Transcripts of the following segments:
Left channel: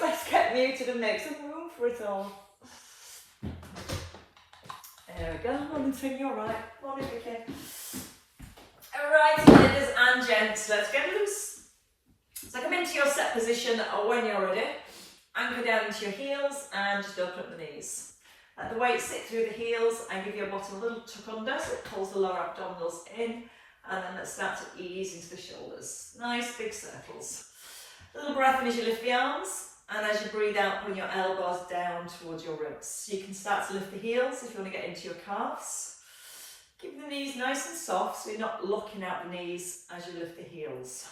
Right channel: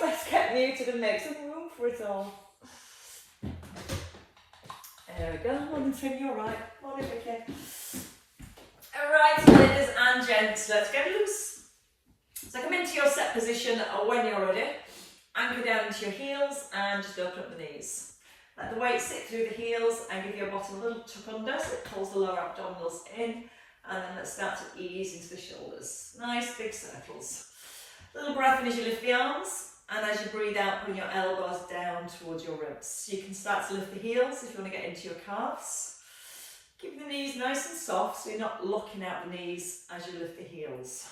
let's get muted and make some room for it all. There we go. Morning, Trim, you're right. Morning, Vicky. Alright, ladies and gents, let's get loose. So come into your set position when you're ready. Anchor down into your heels and just open up the knees. Let the weight sit through the heels and give your bottom a little tuck under so it pulls the lower abdominals in. And then let's start to ease into the shoulders. Nice big circles. Little breath in as you lift the arms, and as you breathe out, bring your elbows down towards your ribs. You can start to lift the heels if you want to get into your calves. Keep the knees nice and soft so you're not locking out the knees as you lift the heels.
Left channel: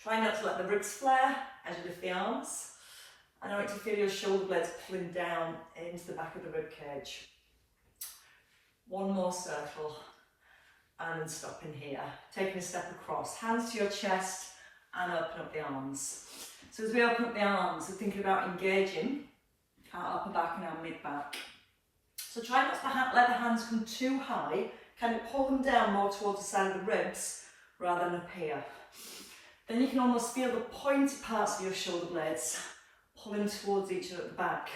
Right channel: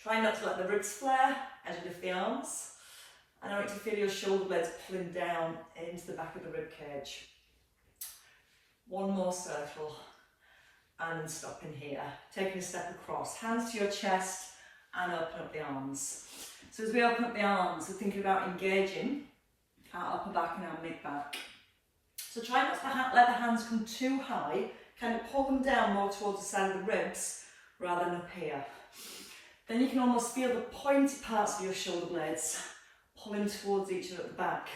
Try not to let the ribs flare as you lift the arms. And I want you to feel your shoulder blades pulling down into the back of the rib cage. One more circle. And then stopping here. Taking a step across. Hands to your chest and open up the arms. So as we open up the arms, we're thinking about engaging our upper back and our mid back. So try not to let the hands come too high. Kind of pull them down more towards the side of the ribs rather than up here. Then you can almost feel the pointy parts of your shoulder blades pulling towards each other at the back.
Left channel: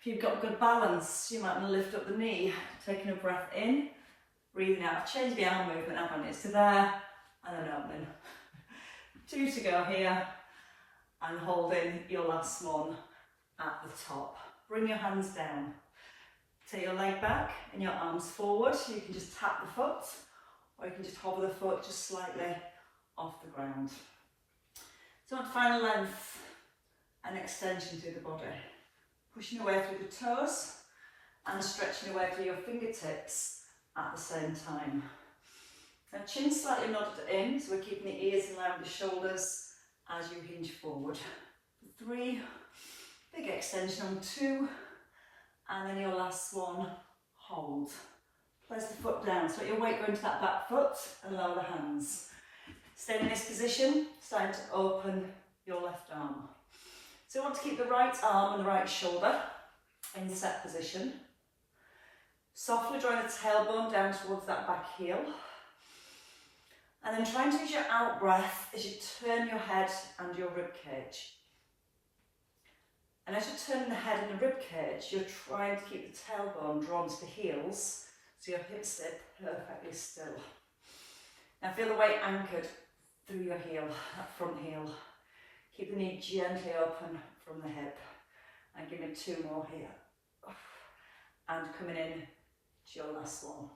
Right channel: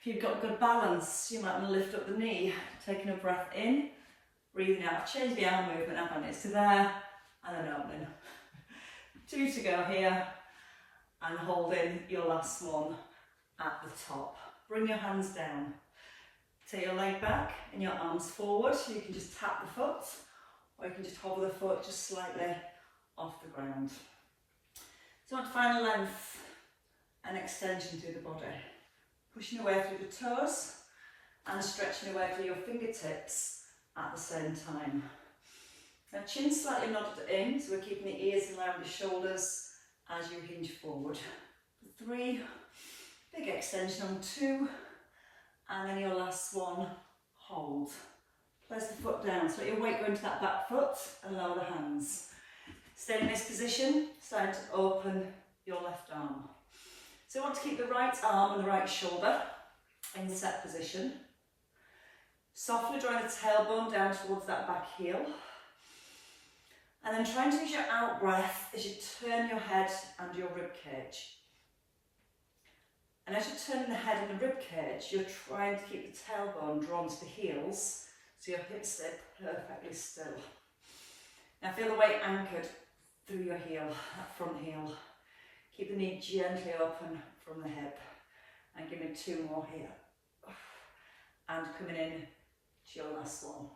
If you've got good balance, you might want to lift up the knee, taking a breath in, breathing out. Change the arm movement up on it to there, and then opening. 2 to go here, and holding your last one at the top. Bring your hands down. Take your leg back and your arms forward. You can just tap the foot, or you can just hover the foot just slightly off the ground. So want final length and extension through the body. Pushing away through the toes and stretching away through your fingertips at the same time. Now chin slightly nodded in, so we're keeping the ears in line with the shoulders as you hinge forward. 3, big extension on 2, and then your last one, hold. Place the foot down, so let your weight go into that back foot and lower the hands. Stay in this position, starting to open your left arm. So you want to keep the right arm and the right shoulder in set position. Softly drawing the tailbone down towards that back heel. And then try and use your out breath as you turn your head and your rib cage. And as you're turning the head and the rib cage, you're trying to keep the tailbone drawn to the heels so your hips stay perfectly still. Now feel the weight anchored through your heel, that front heel. Keep the knee gently open from the hip. And give me 2 more here. And coming in to your last one.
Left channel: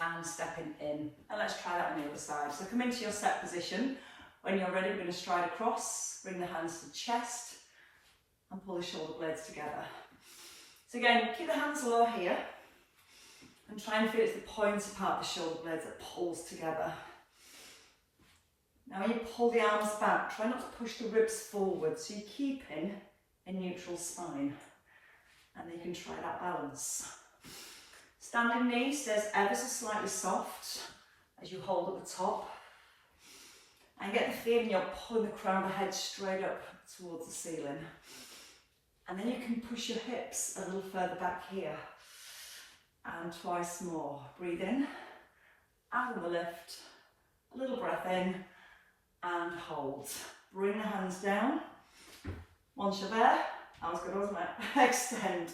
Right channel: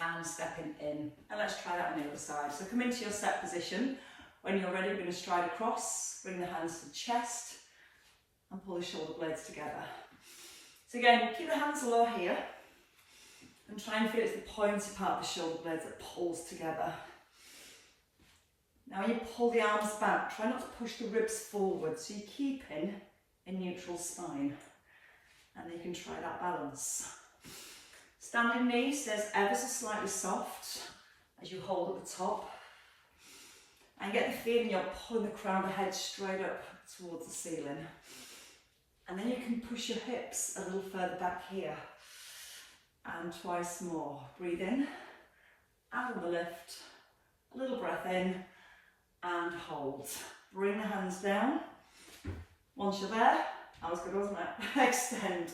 And stepping in. And let's try that on the other side. So come into your set position. When you're ready, we're going to stride across, bring the hands to the chest, and pull the shoulder blades together. So again, keep the hands low here, and try and feel it's the pointy part of the shoulder blades that pulls together. Now when you pull the arms back, try not to push the ribs forward, so you're keeping a neutral spine. And then you can try that balance. Standing knee stays ever so slightly soft as you hold at the top. And get the feeling you're pulling the crown of the head straight up towards the ceiling. And then you can push your hips a little further back here. And twice more. Breathe in, out on the lift, a little breath in, and hold. Bring the hands down. Once you're there, that was good, wasn't it? Extend.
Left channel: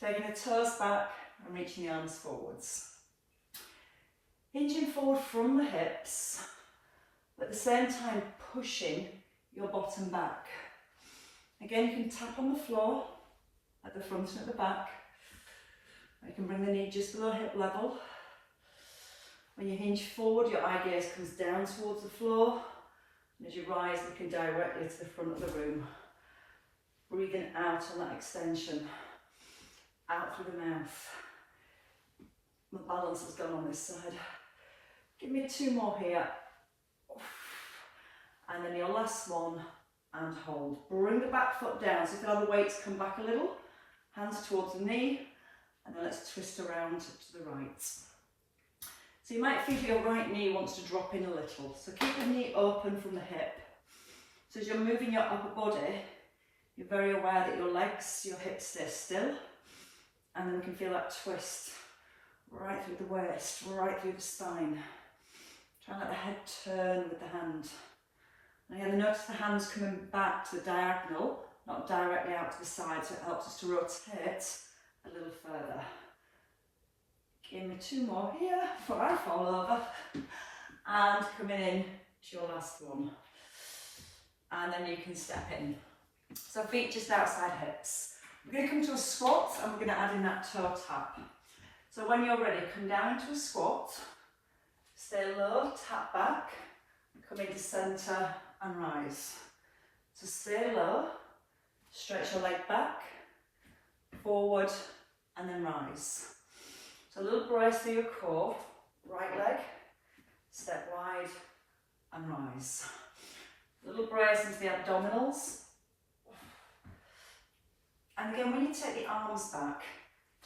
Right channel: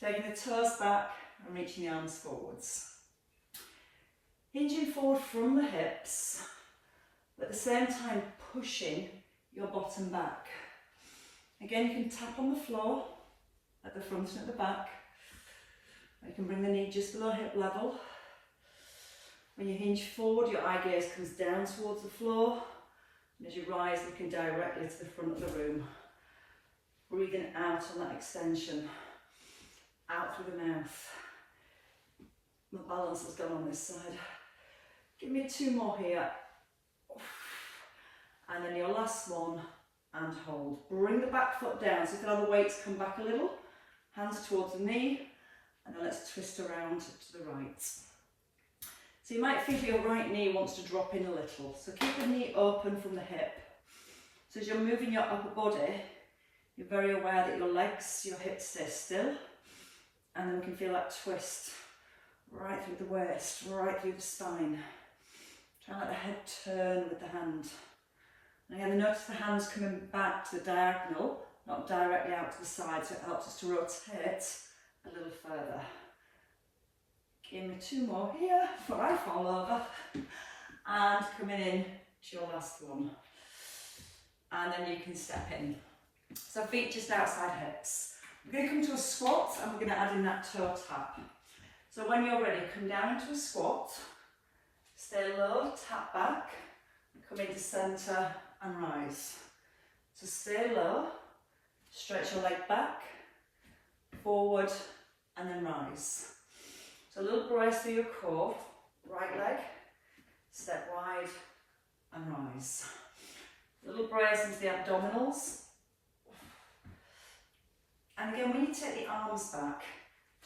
Taking the toes back and reaching the arms forwards. Hinging forward from the hips, but at the same time pushing your bottom back. Again, you can tap on the floor at the front and at the back. You can bring the knee just below hip level. When you hinge forward, your eye gaze comes down towards the floor. And as you rise, looking directly to the front of the room. Breathing out on that extension. Out through the mouth. My balance is done on this side. Give me 2 more here. And then your last one, and hold. Bring the back foot down, so feel the weights come back a little. Hands towards the knee, and then let's twist around to the right. So you might feel your right knee wants to drop in a little. So keep the knee open from the hip. So as you're moving your upper body, you're very aware that your legs, your hips stay still. And then we can feel that twist right through the waist, right through the spine. Try and let the head turn with the hand. And again, notice the hands coming back to the diagonal, not directly out to the side, so it helps us to rotate a little further. Give me 2 more here before I fall over. And coming in to your last one. And then you can step in. So feet just outside hips. We're going to come to a squat and we're going to add in that toe tap. So when you're ready, come down into a squat, stay low, tap back, come into centre and rise. So stay low, stretch your leg back, forward and then rise. So a little brace through your core, right leg, step wide and rise. A little brace into the abdominals. And again, when you take the arms back,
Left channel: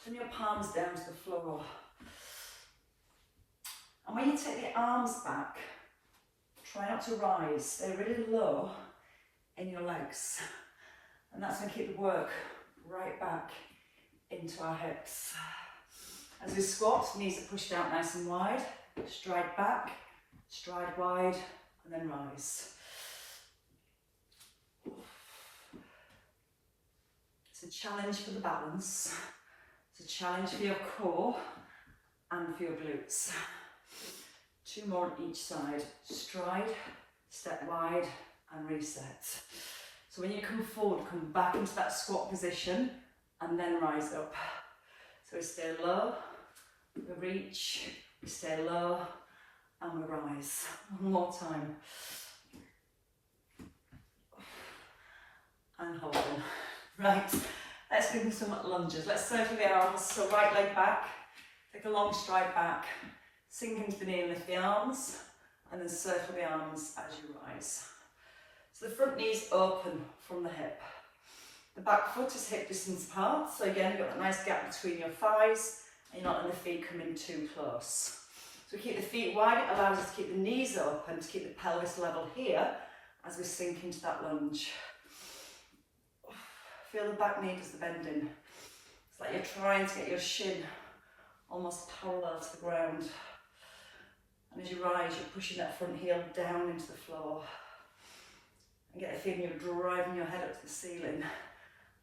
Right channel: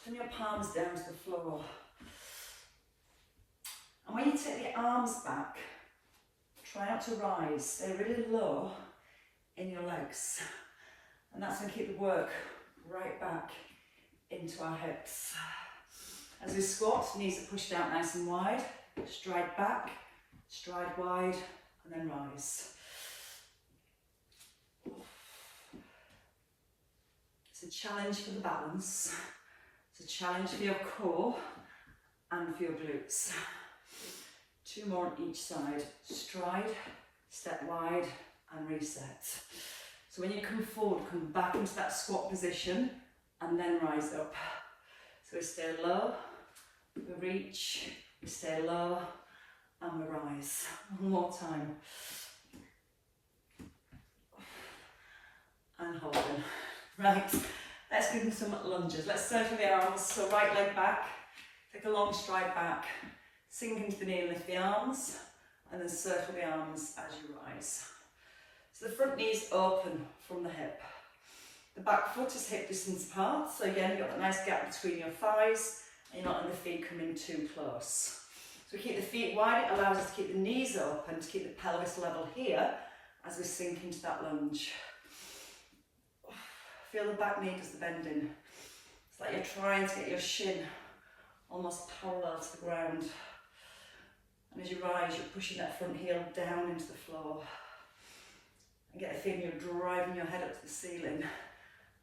turn your palms down to the floor. And when you take the arms back, try not to rise, stay really low in your legs. And that's going to keep the work right back into our hips. As we squat, knees are pushed out nice and wide, stride back, stride wide, and then rise. It's a challenge for the balance. It's a challenge for your core and for your glutes. 2 more on each side. Stride, step wide, and reset. So when you come forward, come back into that squat position, and then rise up. So we stay low, we reach, we stay low, and we rise. One more time. And hold on. Right, let's give them some lunges. Let's circle the arms, so right leg back, take a long stride back, sink into the knee and lift the arms, and then circle the arms as you rise. So the front knee is open from the hip. The back foot is hip distance apart, so again you've got that nice gap between your thighs, and you're not letting the feet come in too close. So we keep the feet wide, it allows us to keep the knees open, to keep the pelvis level here, as we sink into that lunge. Feel the back knee does the bending. It's like you're trying to get your shin almost parallel to the ground. And as you rise, you're pushing that front heel down into the floor. And get the feeling you're driving your head up to the ceiling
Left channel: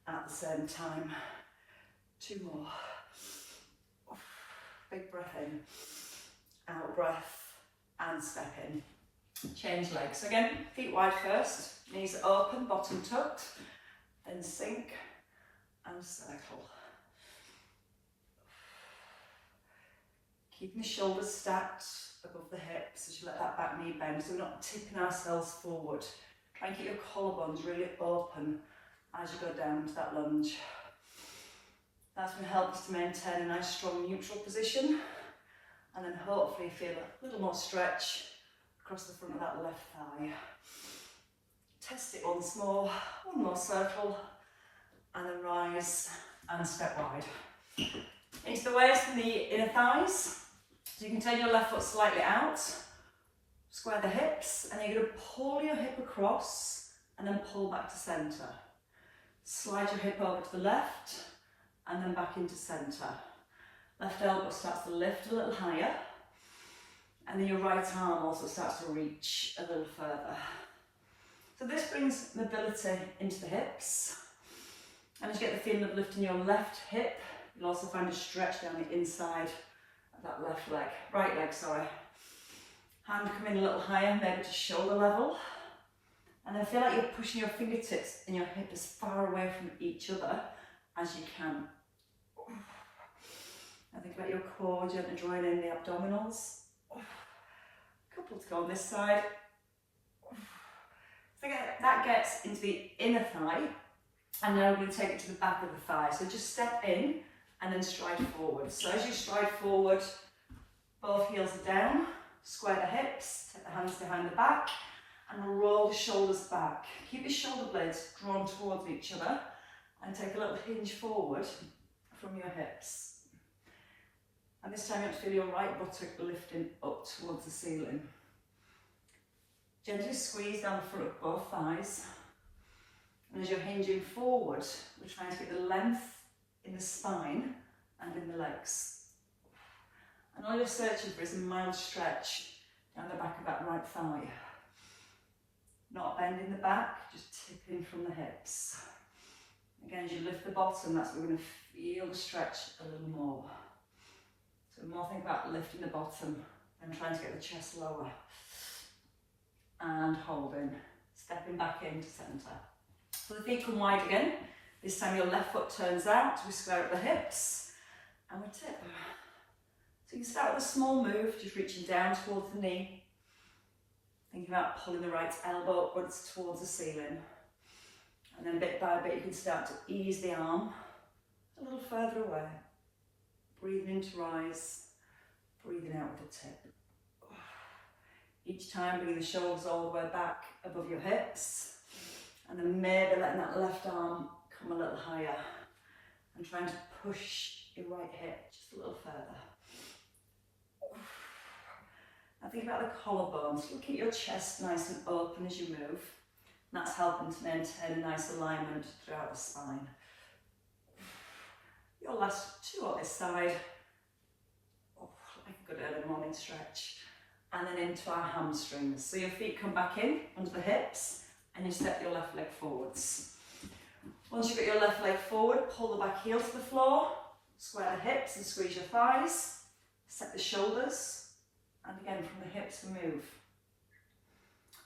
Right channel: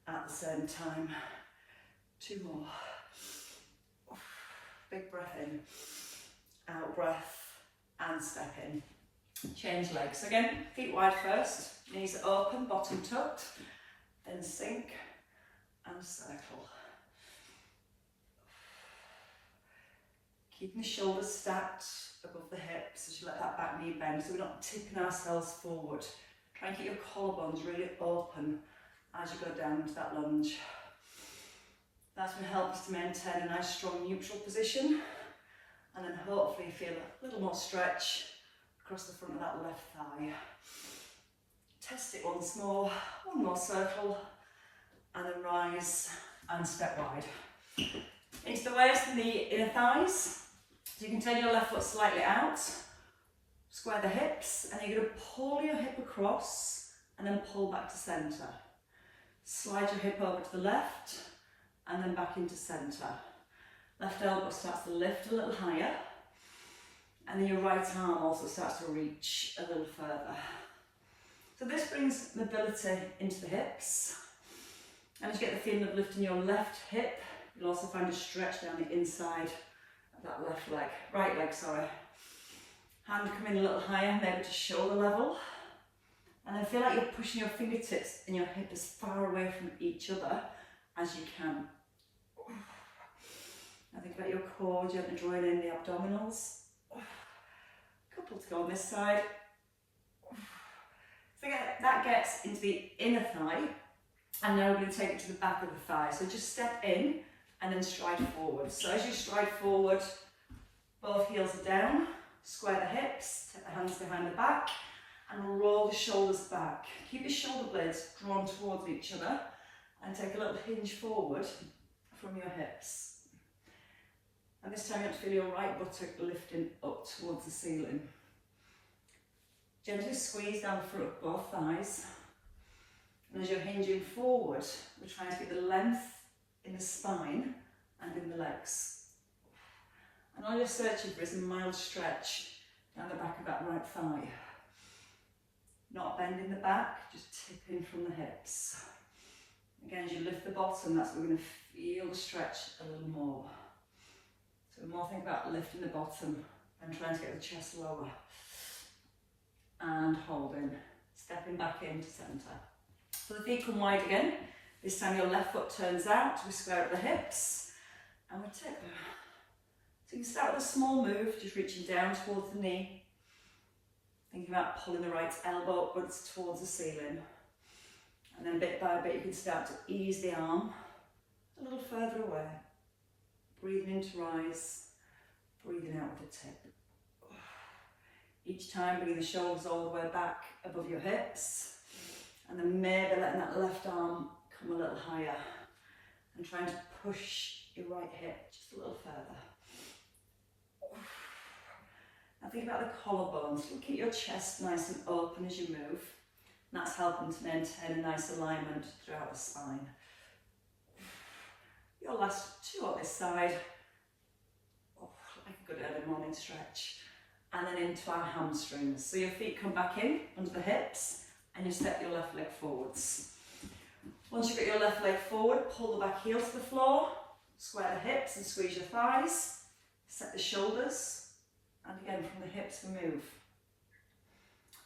at the same time. 2 more. Big breath in, out breath, and step in. Change legs. Again, feet wide first, knees open, bottom tucked. Then sink and circle. Keeping the shoulders stacked above the hips as you let that back knee bend, so we're not tipping ourselves forward. Try and keep your collarbones really open as you go down into that lunge. That's going to help us to maintain a nice strong neutral position, and then hopefully feel a little more stretch across the front of that left thigh. Test it once more, 1 more circle, and then rise and step wide. It's the waist and the inner thighs, so you can turn your left foot slightly out, square the hips, and you're going to pull your hip across and then pull back to centre. Slide your hip over to the left and then back into centre. Left elbow starts to lift a little higher, and then your right arm also starts to reach a little further. So this brings mobility into the hips, and as you get the feeling of lifting your left hip, you'll also find a stretch down the inside of that left leg, right leg, sorry. Hand come in a little higher, maybe to shoulder level, and then feel like you're pushing your fingertips and your hip as far away from each other as you can. Now think about your core, gently drawing in the abdominals. Couple to go on this side. So that gets into the inner thigh, and now we're going to take it to the back of the thigh. So just step in and then stride forward. So as you stride forward, both heels are down, square the hips, take the hands behind the back, and roll the shoulders back. Keep your shoulder blades drawn towards each other, and take a little hinge forward from your hips. And this time you want to feel your right buttock lifting up towards the ceiling. Gently squeeze down the front of both thighs, and as you're hinging forward, we're trying to get the length in the spine and in the legs. And all you're searching for is a mild stretch down the back of that right thigh. Not bending the back, just tipping from the hips. Again, as you lift the bottom, that's where we're going to feel the stretch a little more. So more think about lifting the bottom and trying to get the chest lower. And holding, stepping back into centre. So the feet come wide again. This time your left foot turns out, we square at the hips, and we tip. So you can start with a small move, just reaching down towards the knee. Thinking about pulling the right elbow upwards towards the ceiling. And then bit by bit you can start to ease the arm a little further away. Breathing in to rise, breathing out with the tip. Each time bring the shoulders all the way back above your hips. And then maybe letting that left arm come a little higher. And trying to push your right hip just a little further. Now think about the collarbones. Look at your chest nice and open as you move. And that's helping to maintain a nice alignment throughout the spine. Your last two on this side. Like a good early morning stretch. And then into our hamstrings. So your feet come back in under the hips and you step your left leg forwards. Once you get your left leg forward, pull the back heel to the floor, square the hips and squeeze your thighs, set the shoulders, and again from the hips we move.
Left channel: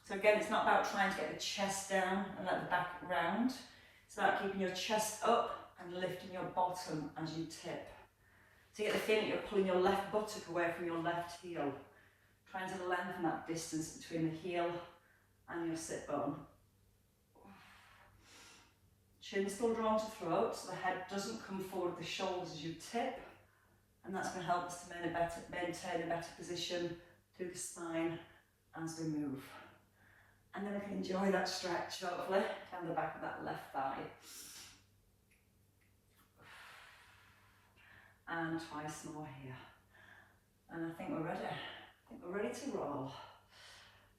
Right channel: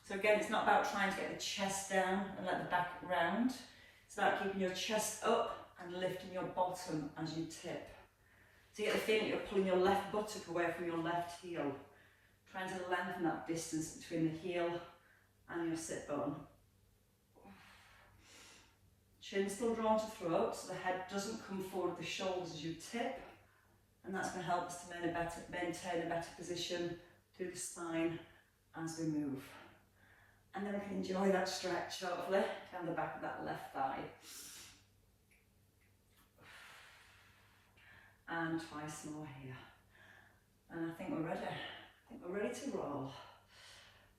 So again, it's not about trying to get the chest down and let the back round. It's about keeping your chest up and lifting your bottom as you tip. So you get the feeling you're pulling your left buttock away from your left heel. Trying to lengthen that distance between the heel and your sit bone. Chin still drawn to throat, so the head doesn't come forward with the shoulders as you tip. And that's going to help us to maintain a better position through the spine as we move. And then we can enjoy that stretch, hopefully, down the back of that left thigh. And twice more here. And I think we're ready. I think we're ready to roll.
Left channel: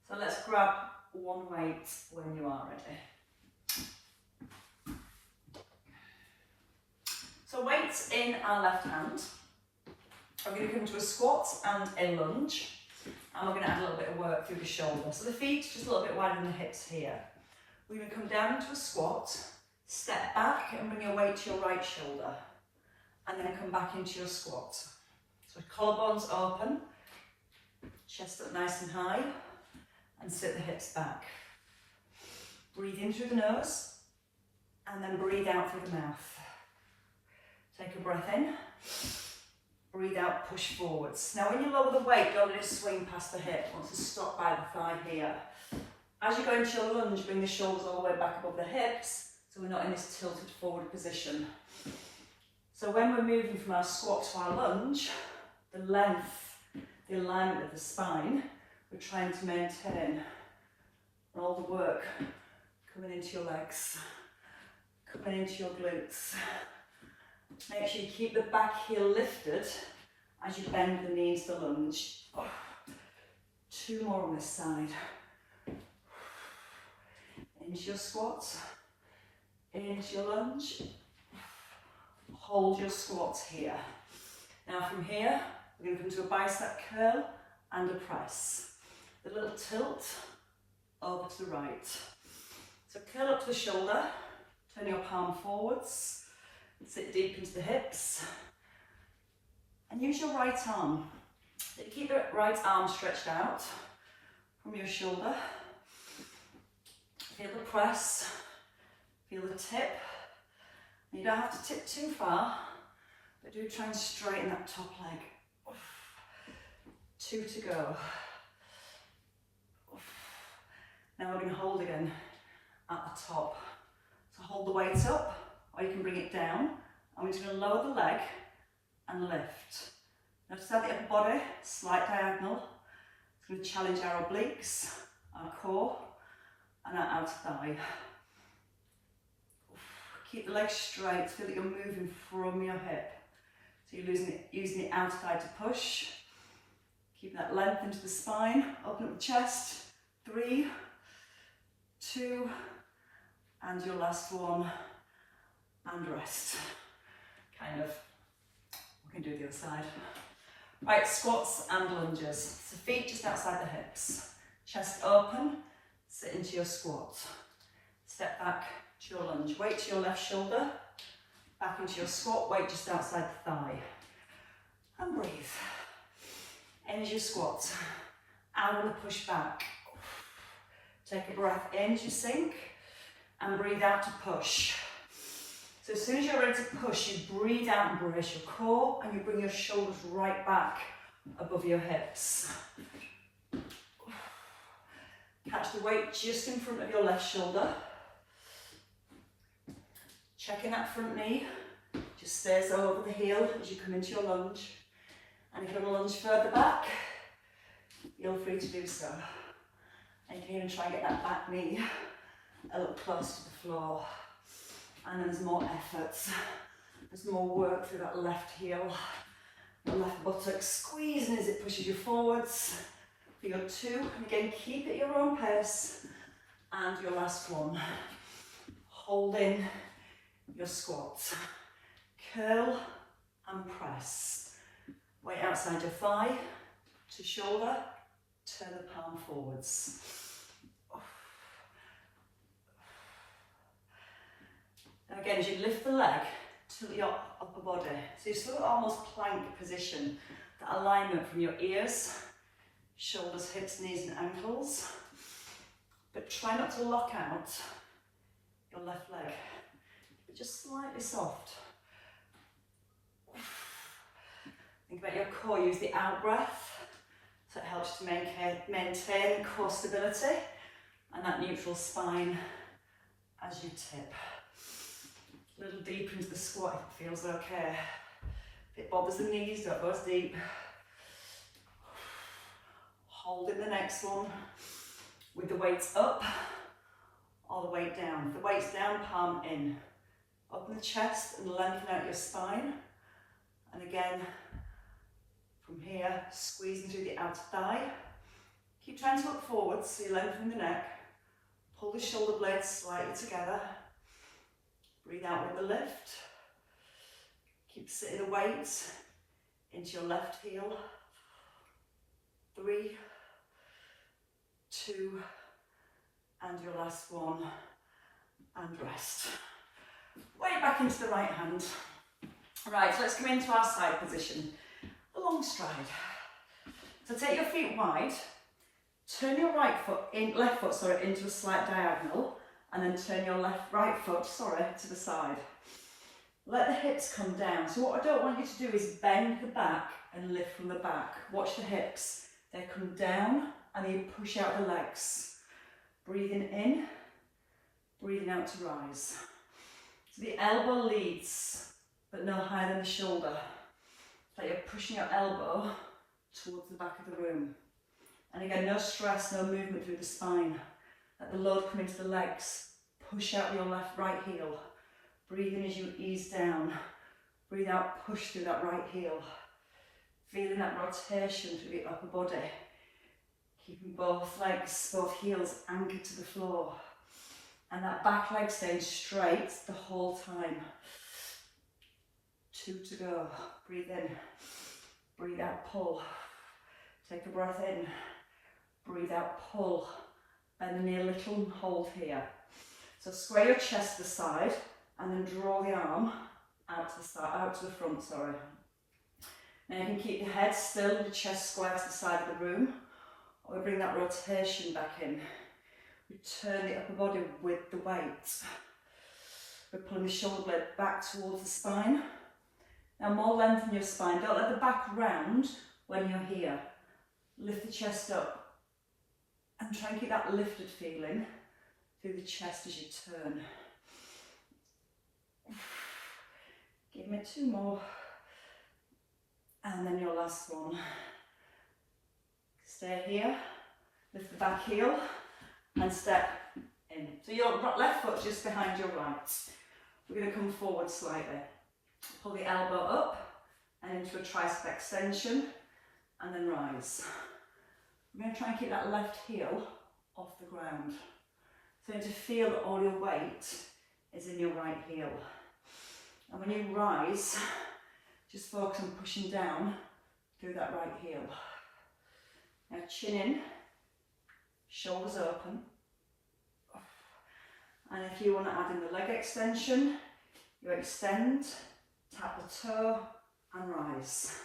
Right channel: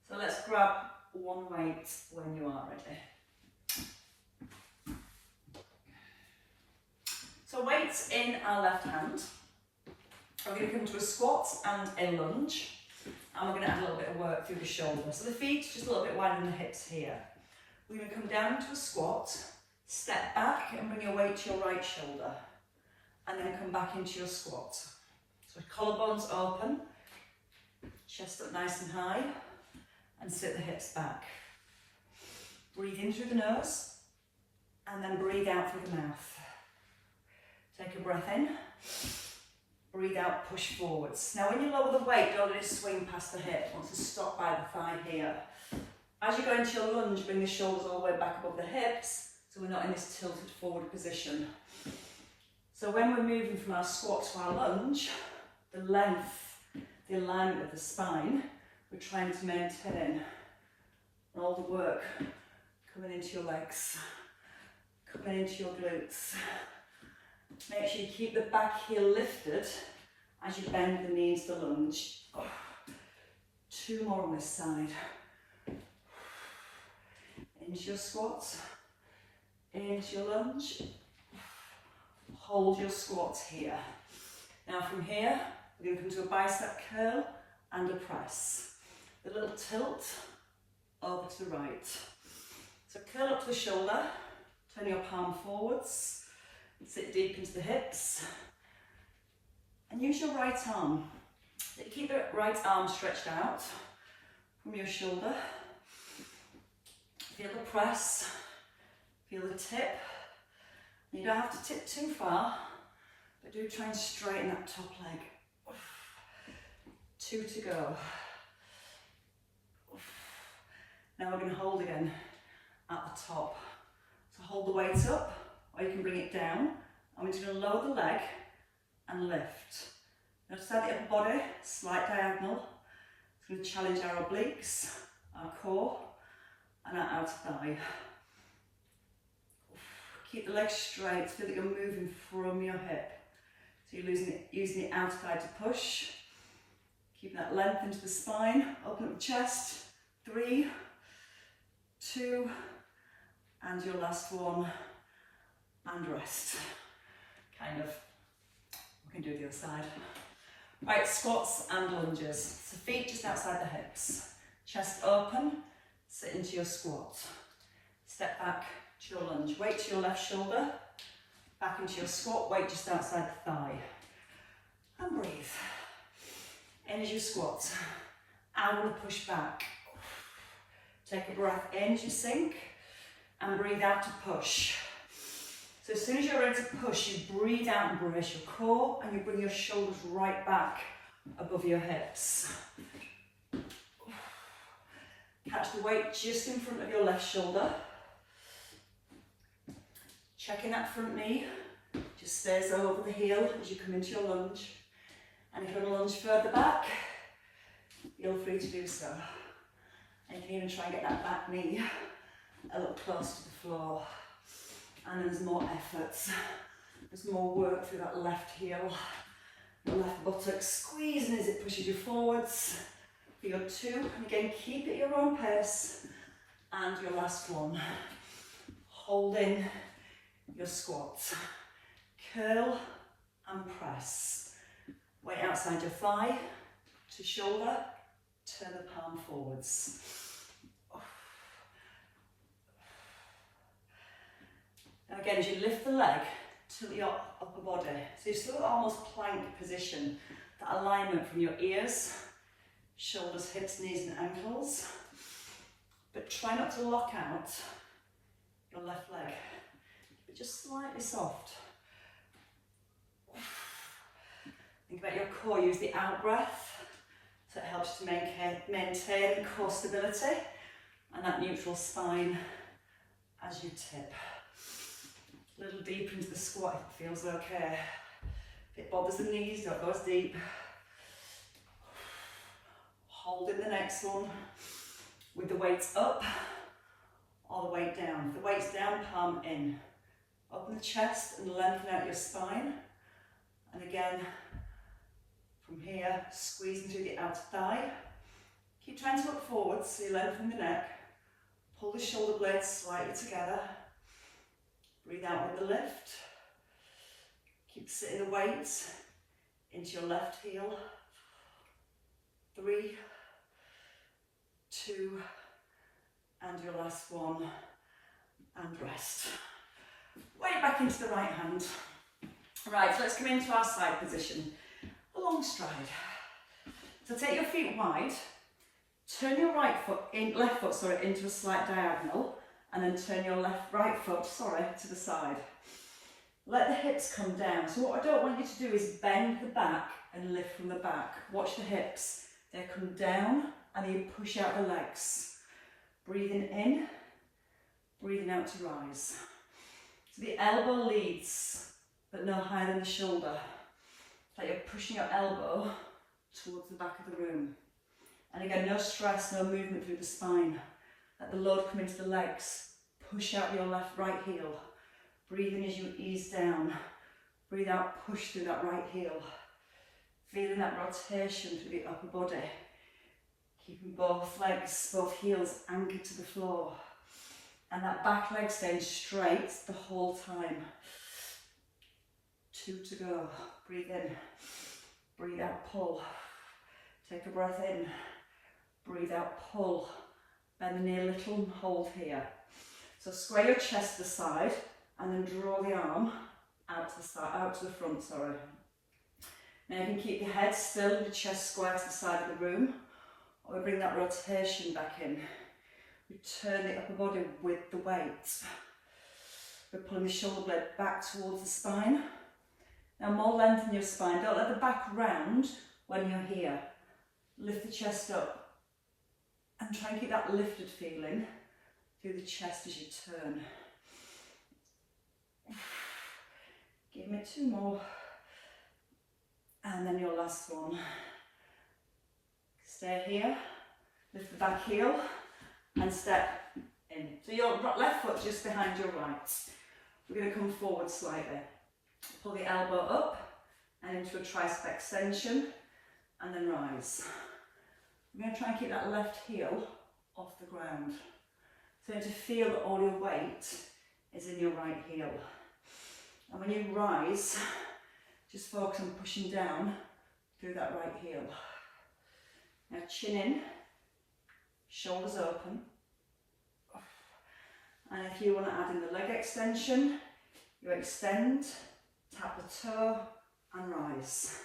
So let's grab one weight when you are ready. So weights in our left hand. We're going to come to a squat and a lunge. And we're going to add a little bit of work through the shoulder. So the feet just a little bit wider than the hips here. We're going to come down into a squat, step back and bring your weight to your right shoulder. And then come back into your squat. So collarbones open. Chest up nice and high and sit the hips back. Breathe in through the nose and then breathe out through the mouth. Take a breath in, breathe out, push forwards. Now when you lower the weight, don't let it swing past the hip. Want to stop by the thigh here. As you go into your lunge, bring the shoulders all the way back above the hips so we're not in this tilted forward position. So when we're moving from our squat to our lunge, the length, the alignment of the spine, we're trying to maintain. And all the work coming into your legs, coming into your glutes. Make sure you keep the back heel lifted as you bend the knees to lunge. Oh. Two more on this side. Into your squat, into your lunge. Hold your squats here. Now from here, we're going to come to a bicep curl and a press. A little tilt over to the right. So curl up to the shoulder, turn your palm forwards, sit deep into the hips, and use your right arm. Keep the right arm stretched out from your shoulder. Feel the press, feel the tip. You don't have to tip too far, but do try and straighten that top leg. 2 to go. Now we're going to hold again at the top. So hold the weight up, or you can bring it down. And we're just going to lower the leg and lift. Now just have the upper body, slight diagonal. It's going to challenge our obliques, our core, and our outer thigh. Keep the legs straight so that you're moving from your hip. So you're using the outer thigh to push. Keeping that length into the spine, open up the chest. 3, 2, and your last one, and rest. Kind of. We can do the other side. Right, squats and lunges. So feet just outside the hips. Chest open, sit into your squat. Step back to your lunge. Weight to your left shoulder. Back into your squat, weight just outside the thigh. And breathe. In as you squat. Out on the push back. Take a breath in as you sink. And breathe out to push. So as soon as you're ready to push, you breathe out and brace your core, and you bring your shoulders right back above your hips. Catch the weight just in front of your left shoulder. Checking that front knee, just stays over the heel as you come into your lunge. And if you want to lunge further back, you're free to do so. And you can even try and get that back knee a little close to the floor. And then there's more effort. There's more work through that left heel. The left buttock squeezing as it pushes you forwards. For your 2, and again keep it your own pace. And your last one. Holding your squat. Curl and press. Weight outside your thigh to shoulder. Turn the palm forwards. And again, as you lift the leg to your upper body, so you still got almost plank position, that alignment from your ears, shoulders, hips, knees and ankles, but try not to lock out your left leg, but just slightly soft. Think about your core, use the out breath, so it helps you to maintain core stability and that neutral spine as you tip. A little deeper into the squat if it feels okay. If it bothers the knees, don't go as deep. Hold it the next one with the weights up or the weight down. If the weight's down, palm in. Open the chest and lengthen out your spine. And again, from here, squeezing through the outer thigh. Keep trying to look forwards so you lengthen the neck. Pull the shoulder blades slightly together. Breathe out with the lift. Keep sitting the weight into your left heel. 3, 2, and your last one, and rest. Weight back into the right hand. Right, so let's come into our side position. A long stride. So take your feet wide, turn your left foot into a slight diagonal, and then turn your right foot to the side. Let the hips come down. So what I don't want you to do is bend the back and lift from the back. Watch the hips. They come down and you push out the legs. Breathing in, breathing out to rise. So the elbow leads, but no higher than the shoulder. Like you're pushing your elbow towards the back of the room. And again, no stress, no movement through the spine. Let the load come into the legs. Push out your right heel. Breathe in as you ease down. Breathe out, push through that right heel. Feeling that rotation through the upper body. Keeping both legs, both heels anchored to the floor. And that back leg staying straight the whole time. 2 to go. Breathe in. Breathe out, pull. Take a breath in. Breathe out, pull. Bend the knee a little and hold here. So square your chest to the side and then draw the arm out to the front. Now you can keep the head still and the chest square to the side of the room, or we bring that rotation back in. We turn the upper body with the weight. We're pulling the shoulder blade back towards the spine. Now more length in your spine. Don't let the back round when you're here. Lift the chest up and try and keep that lifted feeling through the chest as you turn. Give me 2 more. And then your last one. Stay here, lift the back heel and step in. So your left foot just behind your right. We're going to come forward slightly. Pull the elbow up and into a tricep extension and then rise. We're going to try and keep that left heel off the ground. So you need to feel that all your weight is in your right heel. And when you rise, just focus on pushing down through that right heel. Now chin in, shoulders open, And if you want to add in the leg extension, you extend, tap the toe and rise.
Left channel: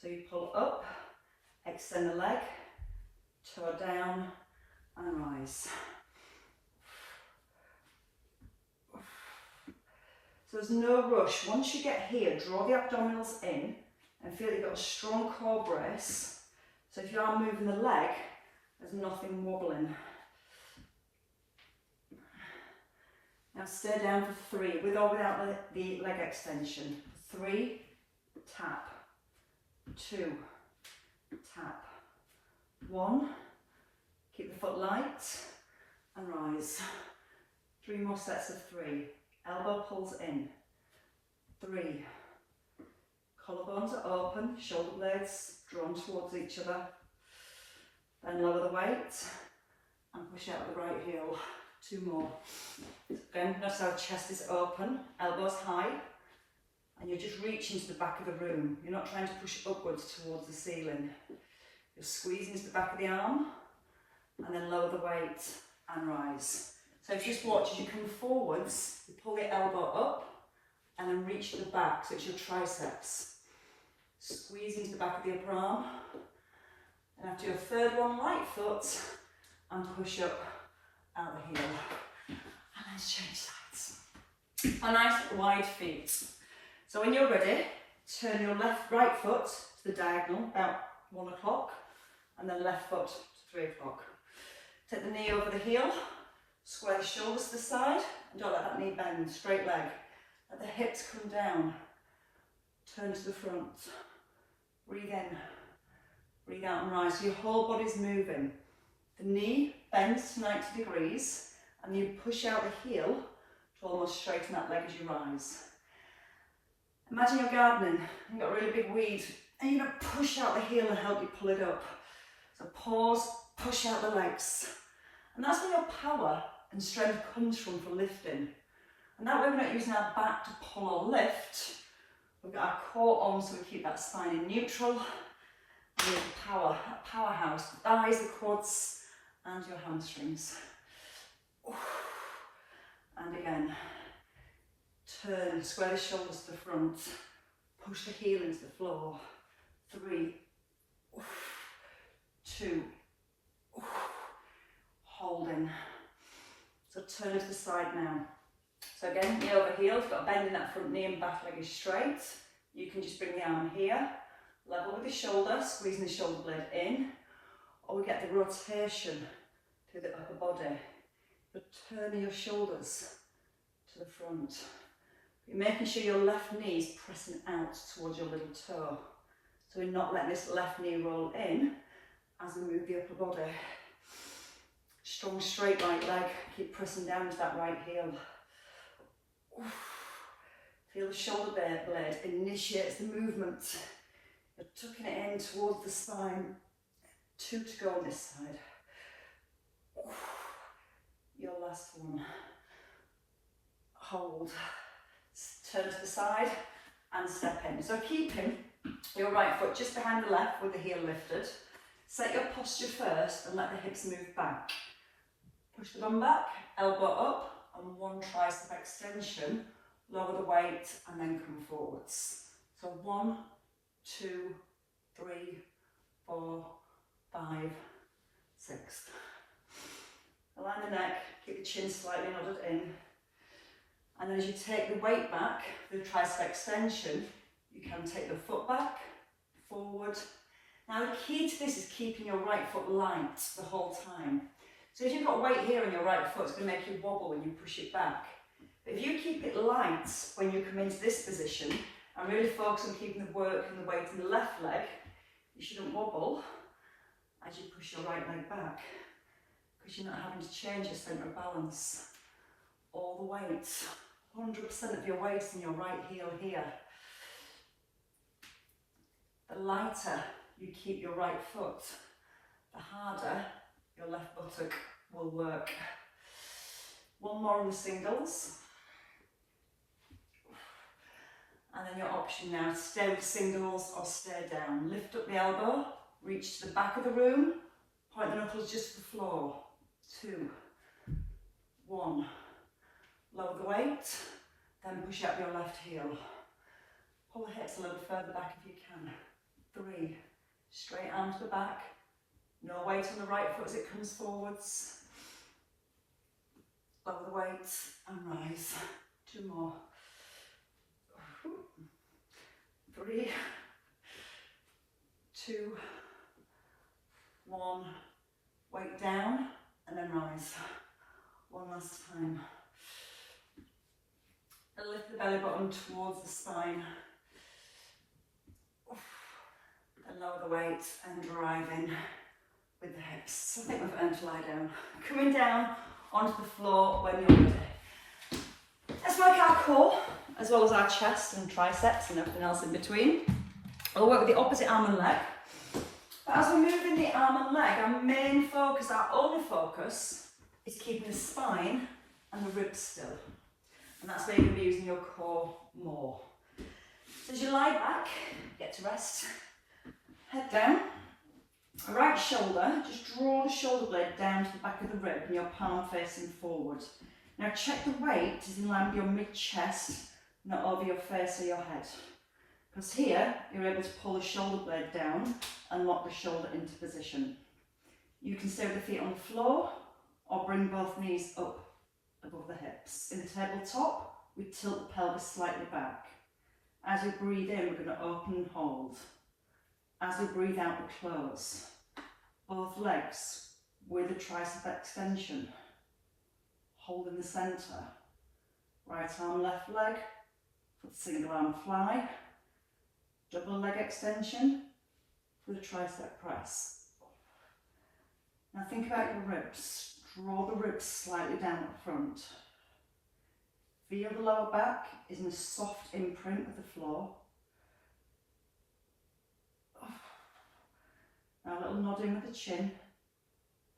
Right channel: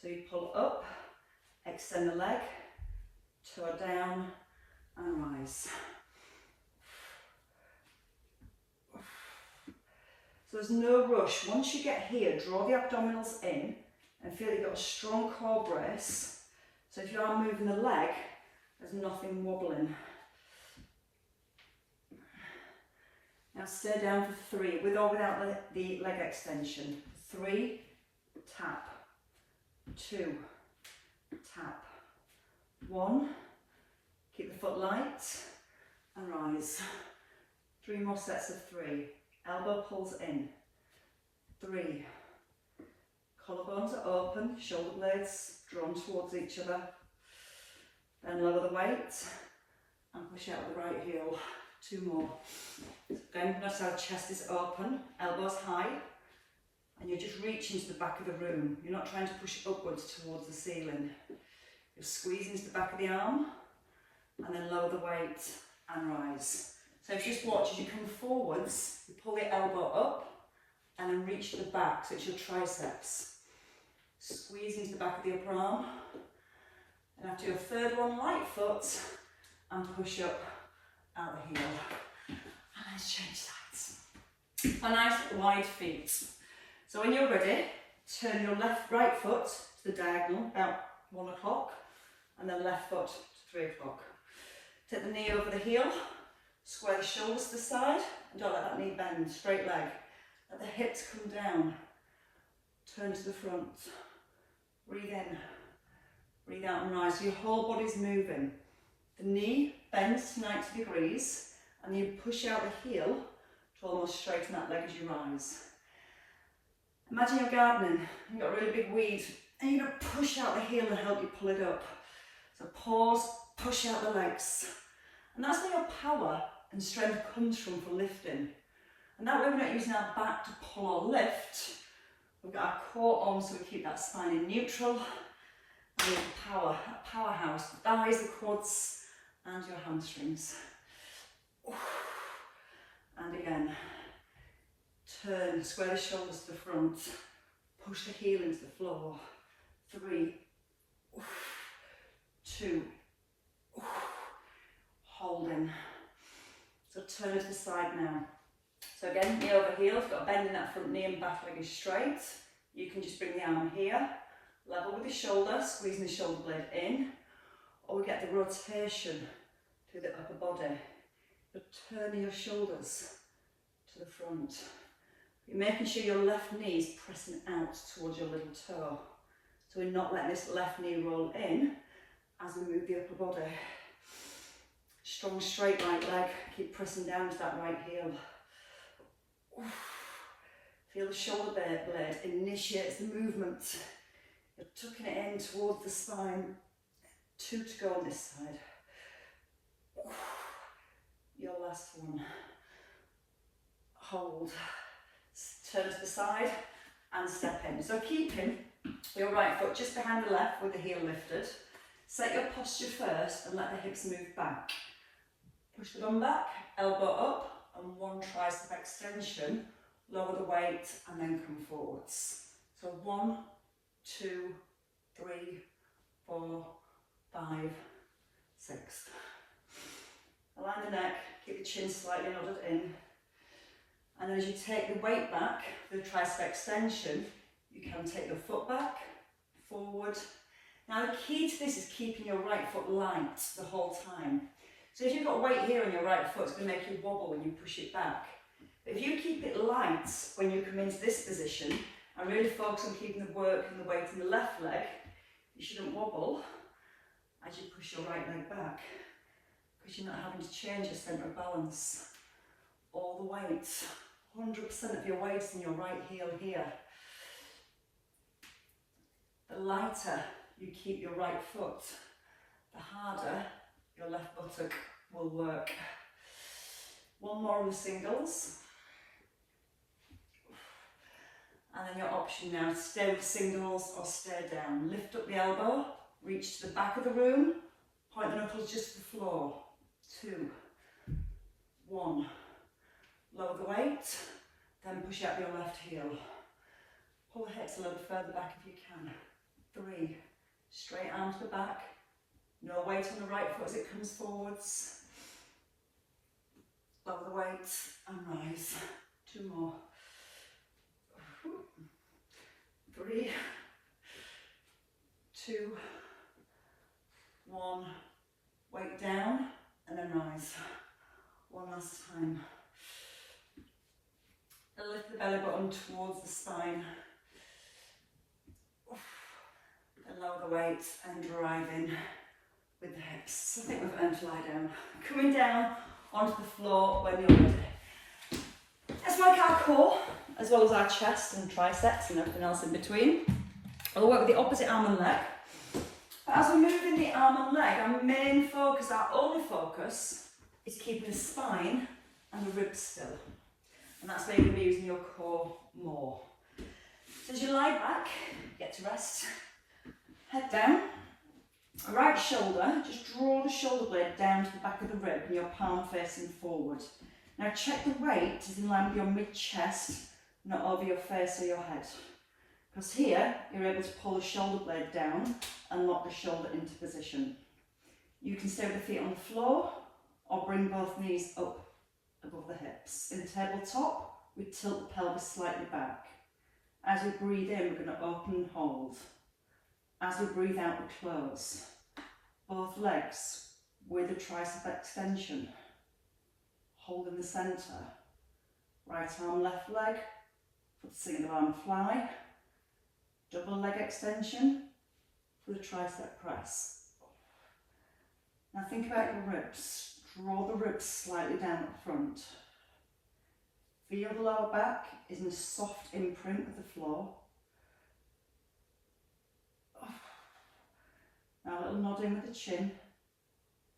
So you pull up, extend the leg, toe down and rise. So there's no rush. Once you get here, draw the abdominals in and feel you've got a strong core brace. So if you are moving the leg, there's nothing wobbling. Now stay down for 3, with or without the leg extension. 3, tap. 2, tap. 1, keep the foot light and rise. 3 more sets of 3. Elbow pulls in. 3. Collarbones are open, shoulder blades drawn towards each other. Then lower the weight and push out the right heel. 2 more. Again, notice our chest is open, elbows high, and you're just reaching to the back of the room. You're not trying to push upwards towards the ceiling. You're squeezing to the back of the arm, and then lower the weight and rise. So if you just watch as you come forwards, you pull the elbow up and then reach to the back, so it's your triceps. Squeeze into the back of the upper arm, and after your 3rd one, light foot, and push up out the heel. And let's change sides. A nice wide feet. So when you're ready, turn your right foot to the diagonal, about 1 o'clock, and then left foot to 3 o'clock. Take the knee over the heel, square the shoulders to the side, and don't let that knee bend, straight leg. Let the hips come down, turn to the front, breathe in, breathe out and rise. So your whole body's moving. The knee bends to 90 degrees, and you push out the heel to almost straighten that leg as you rise. Imagine you're gardening, you've got a really big weed, and you're going to push out the heel and help you pull it up. So pause, push out the legs. And that's where your power and strength comes from for lifting. And that way we're not using our back to pull or lift. We've got our core on so we keep that spine in neutral. And we have the power, that powerhouse, the thighs, the quads, and your hamstrings. And again, turn, square the shoulders to the front, push the heel into the floor. 3, 2, holding. So turn to the side now. So again, knee over heel, you've got a bend in that front knee and back leg is straight. You can just bring the arm here, level with the shoulder, squeezing the shoulder blade in, or we get the rotation to the upper body. But turn your shoulders to the front. You're making sure your left knee is pressing out towards your little toe. So we're not letting this left knee roll in as we move the upper body. Strong straight right leg, keep pressing down to that right heel. Feel the shoulder blade initiates the movement. You're tucking it in towards the spine. 2 to go on this side. Your last one. Hold. Turn to the side and step in. So keeping your right foot just behind the left with the heel lifted. Set your posture first and let the hips move back. Push the bum back, elbow up, and 1 tricep extension. Lower the weight and then come forwards. So 1, 2, 3, 4, 5, 6. Align the neck, keep the chin slightly nodded in. And as you take the weight back, the tricep extension, you can take the foot back, forward. Now the key to this is keeping your right foot light the whole time. So if you've got weight here on your right foot, it's going to make you wobble when you push it back. But if you keep it light when you come into this position, and really focus on keeping the work and the weight in the left leg, you shouldn't wobble as you push your right leg back, because you're not having to change your centre of balance. All the weight, 100% of your weight in your right heel here. The lighter you keep your right foot, the harder your left buttock will work. 1 more on the singles. And then your option now, stay with singles or stay down. Lift up the elbow, reach to the back of the room, point the knuckles just to the floor. 2, 1. Lower the weight, then push up your left heel. Pull the hips a little further back if you can. 3. Straight arm to the back. No weight on the right foot as it comes forwards. Lower the weight and rise. 2 more. 3, 2, 1. Weight down and then rise. 1 last time. And lift the belly button towards the spine. And lower the weight and drive in with the hips. I think we've earned to lie down. Coming down onto the floor when you're ready. Let's work our core as well as our chest and triceps and everything else in between. We'll work with the opposite arm and leg. But as we're moving the arm and leg, our main focus, our only focus, is keeping the spine and the ribs still. And that's where you're going to be using your core more. So as you lie back, get to rest, head down, right shoulder, just draw the shoulder blade down to the back of the rib and your palm facing forward. Now check the weight is in line with your mid-chest, not over your face or your head. Because here, you're able to pull the shoulder blade down and lock the shoulder into position. You can stay with the feet on the floor or bring both knees up above the hips. In tabletop, we tilt the pelvis slightly back. As we breathe in, we're going to open and hold. As we breathe out, we close. Both legs with a tricep extension. Hold in the centre. Right arm, left leg. For the single arm fly. Double leg extension for the tricep press. Now think about your ribs. Draw the ribs slightly down at the front. Feel the lower back is in a soft imprint with the floor. Now a little nodding with the chin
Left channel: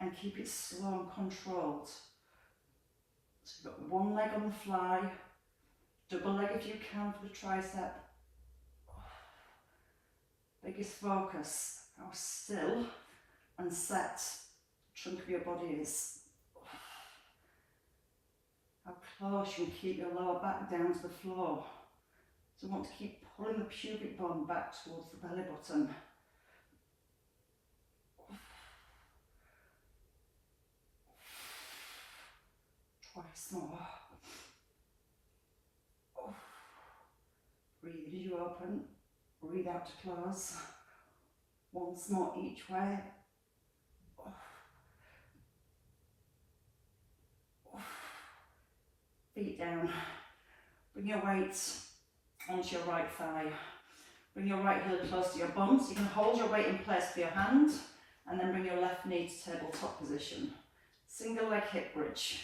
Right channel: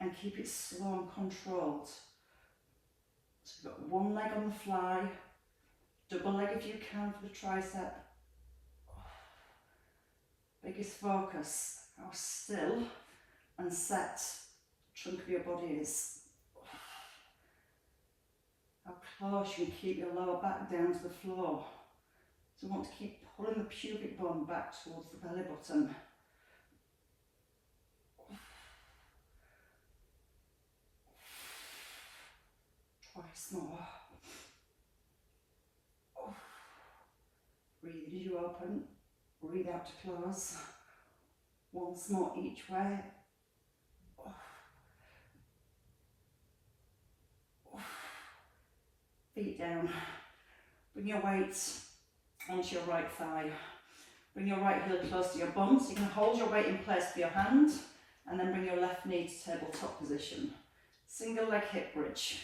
and keep it slow and controlled. So you've got one leg on the fly, double leg if you can for the tricep. Biggest focus, how still and set the trunk of your body is. How close you can keep your lower back down to the floor. So you want to keep pulling the pubic bone back towards the belly button. Twice more. Breathe in as you open, breathe out to close. Once more each way. Feet down. Bring your weight onto your right thigh. Bring your right heel close to your bum so you can hold your weight in place with your hand and then bring your left knee to tabletop position. Single leg hip bridge.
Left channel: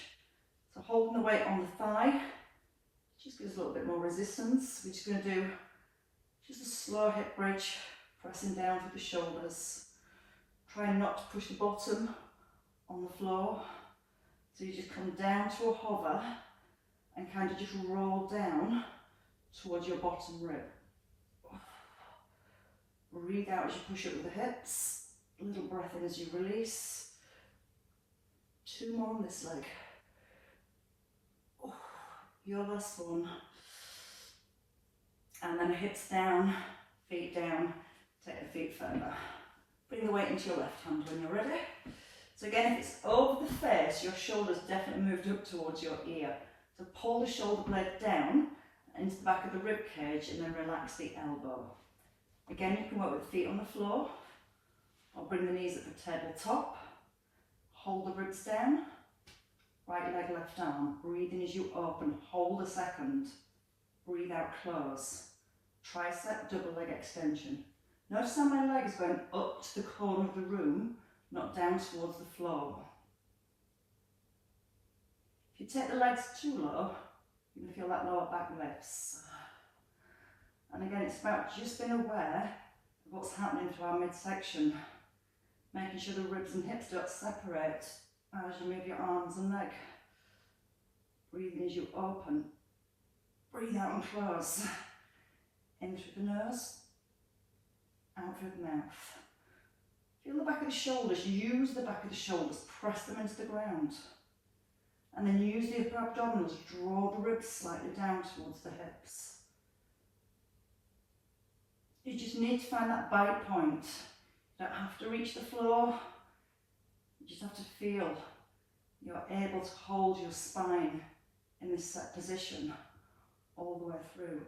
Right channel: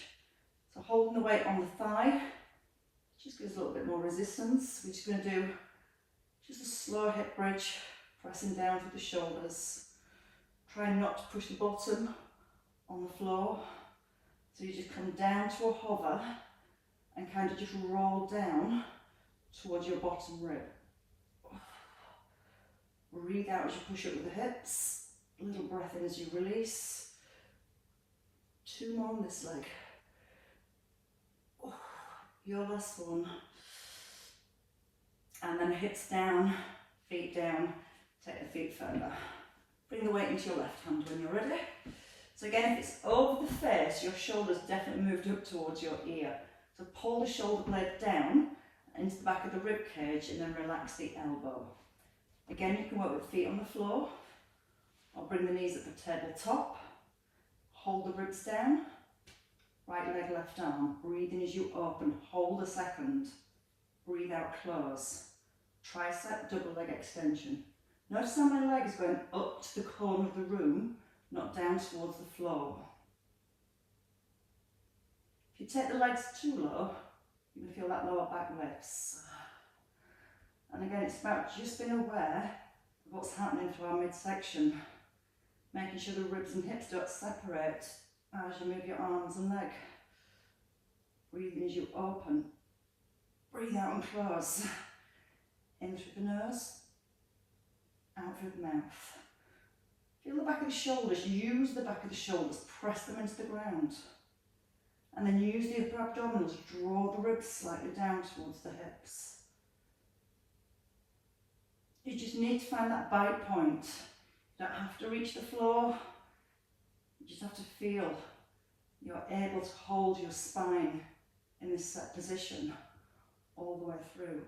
So holding the weight on the thigh, just gives a little bit more resistance. We're just going to do just a slow hip bridge, pressing down through the shoulders. Trying not to push the bottom on the floor. So you just come down to a hover and kind of just roll down towards your bottom rib. Breathe out as you push up with the hips. A little breath in as you release. 2 more on this leg. Your last one. And then hips down, feet down, take the feet further. Bring the weight into your left hand when you're ready. So again, if it's over the face, your shoulders definitely moved up towards your ear. So pull the shoulder blade down into the back of the rib cage and then relax the elbow. Again, you can work with feet on the floor or bring the knees at the tabletop. Hold the ribs down. Right leg, left arm. Breathe in as you open. Hold a second. Breathe out, close. Tricep, double leg extension. Notice how my leg is going up to the corner of the room, not down towards the floor. If you take the legs too low, you're going to feel that lower back lifts. And again, it's about just being aware of what's happening to our midsection. Making sure the ribs and hips don't separate as you move your arms and leg. Breathing as you open. Breathe out and close. In through the nose, out through the mouth. Feel the back of the shoulders, use the back of the shoulders, press them into the ground. And then use the upper abdominals, draw the ribs slightly down towards the hips. You just need to find that bite point. You don't have to reach the floor. You just have to feel you're able to hold your spine in this set position all the way through.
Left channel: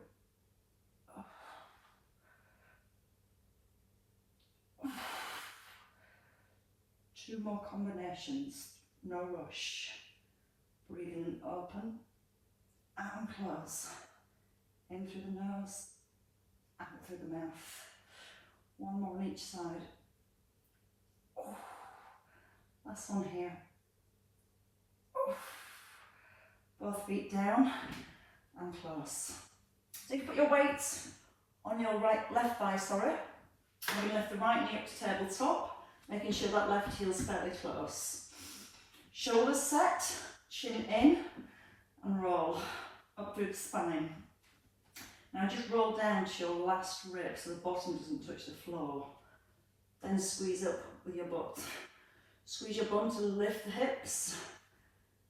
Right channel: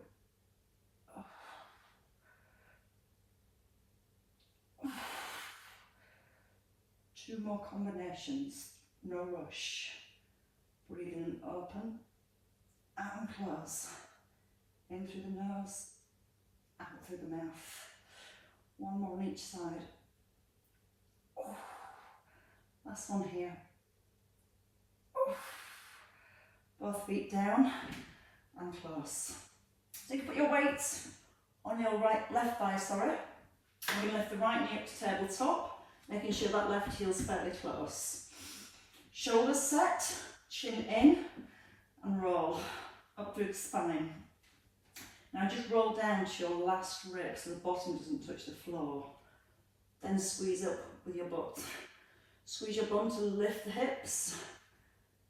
Two more combinations, no rush. Breathing open and close. In through the nose, out through the mouth. One more on each side. Last one here. Both feet down and close. So you can put your weight on your left thigh, sorry. And we lift the right knee up to tabletop, making sure that left heel's fairly close. Shoulders set, chin in, and roll up through the spine. Now just roll down to your last rib so the bottom doesn't touch the floor. Then squeeze up with your butt. Squeeze your bum to lift the hips.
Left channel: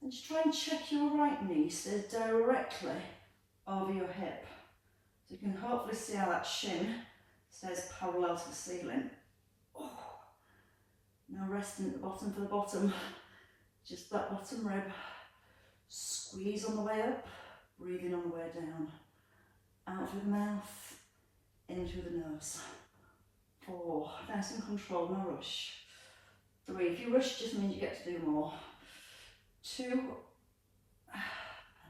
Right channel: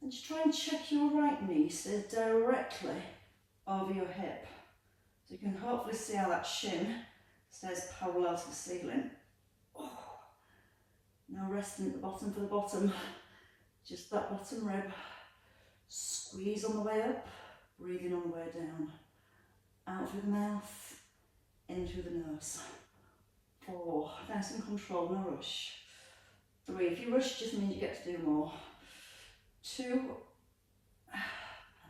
And just try and check your right knee stays directly over your hip. So you can hopefully see how that shin stays parallel to the ceiling. Now resting at the bottom for the bottom. Just that bottom rib. Squeeze on the way up, breathing on the way down. Out through the mouth, in through the nose. 4, nice and control, no rush. 3, if you rush, just means you get to do more. 2,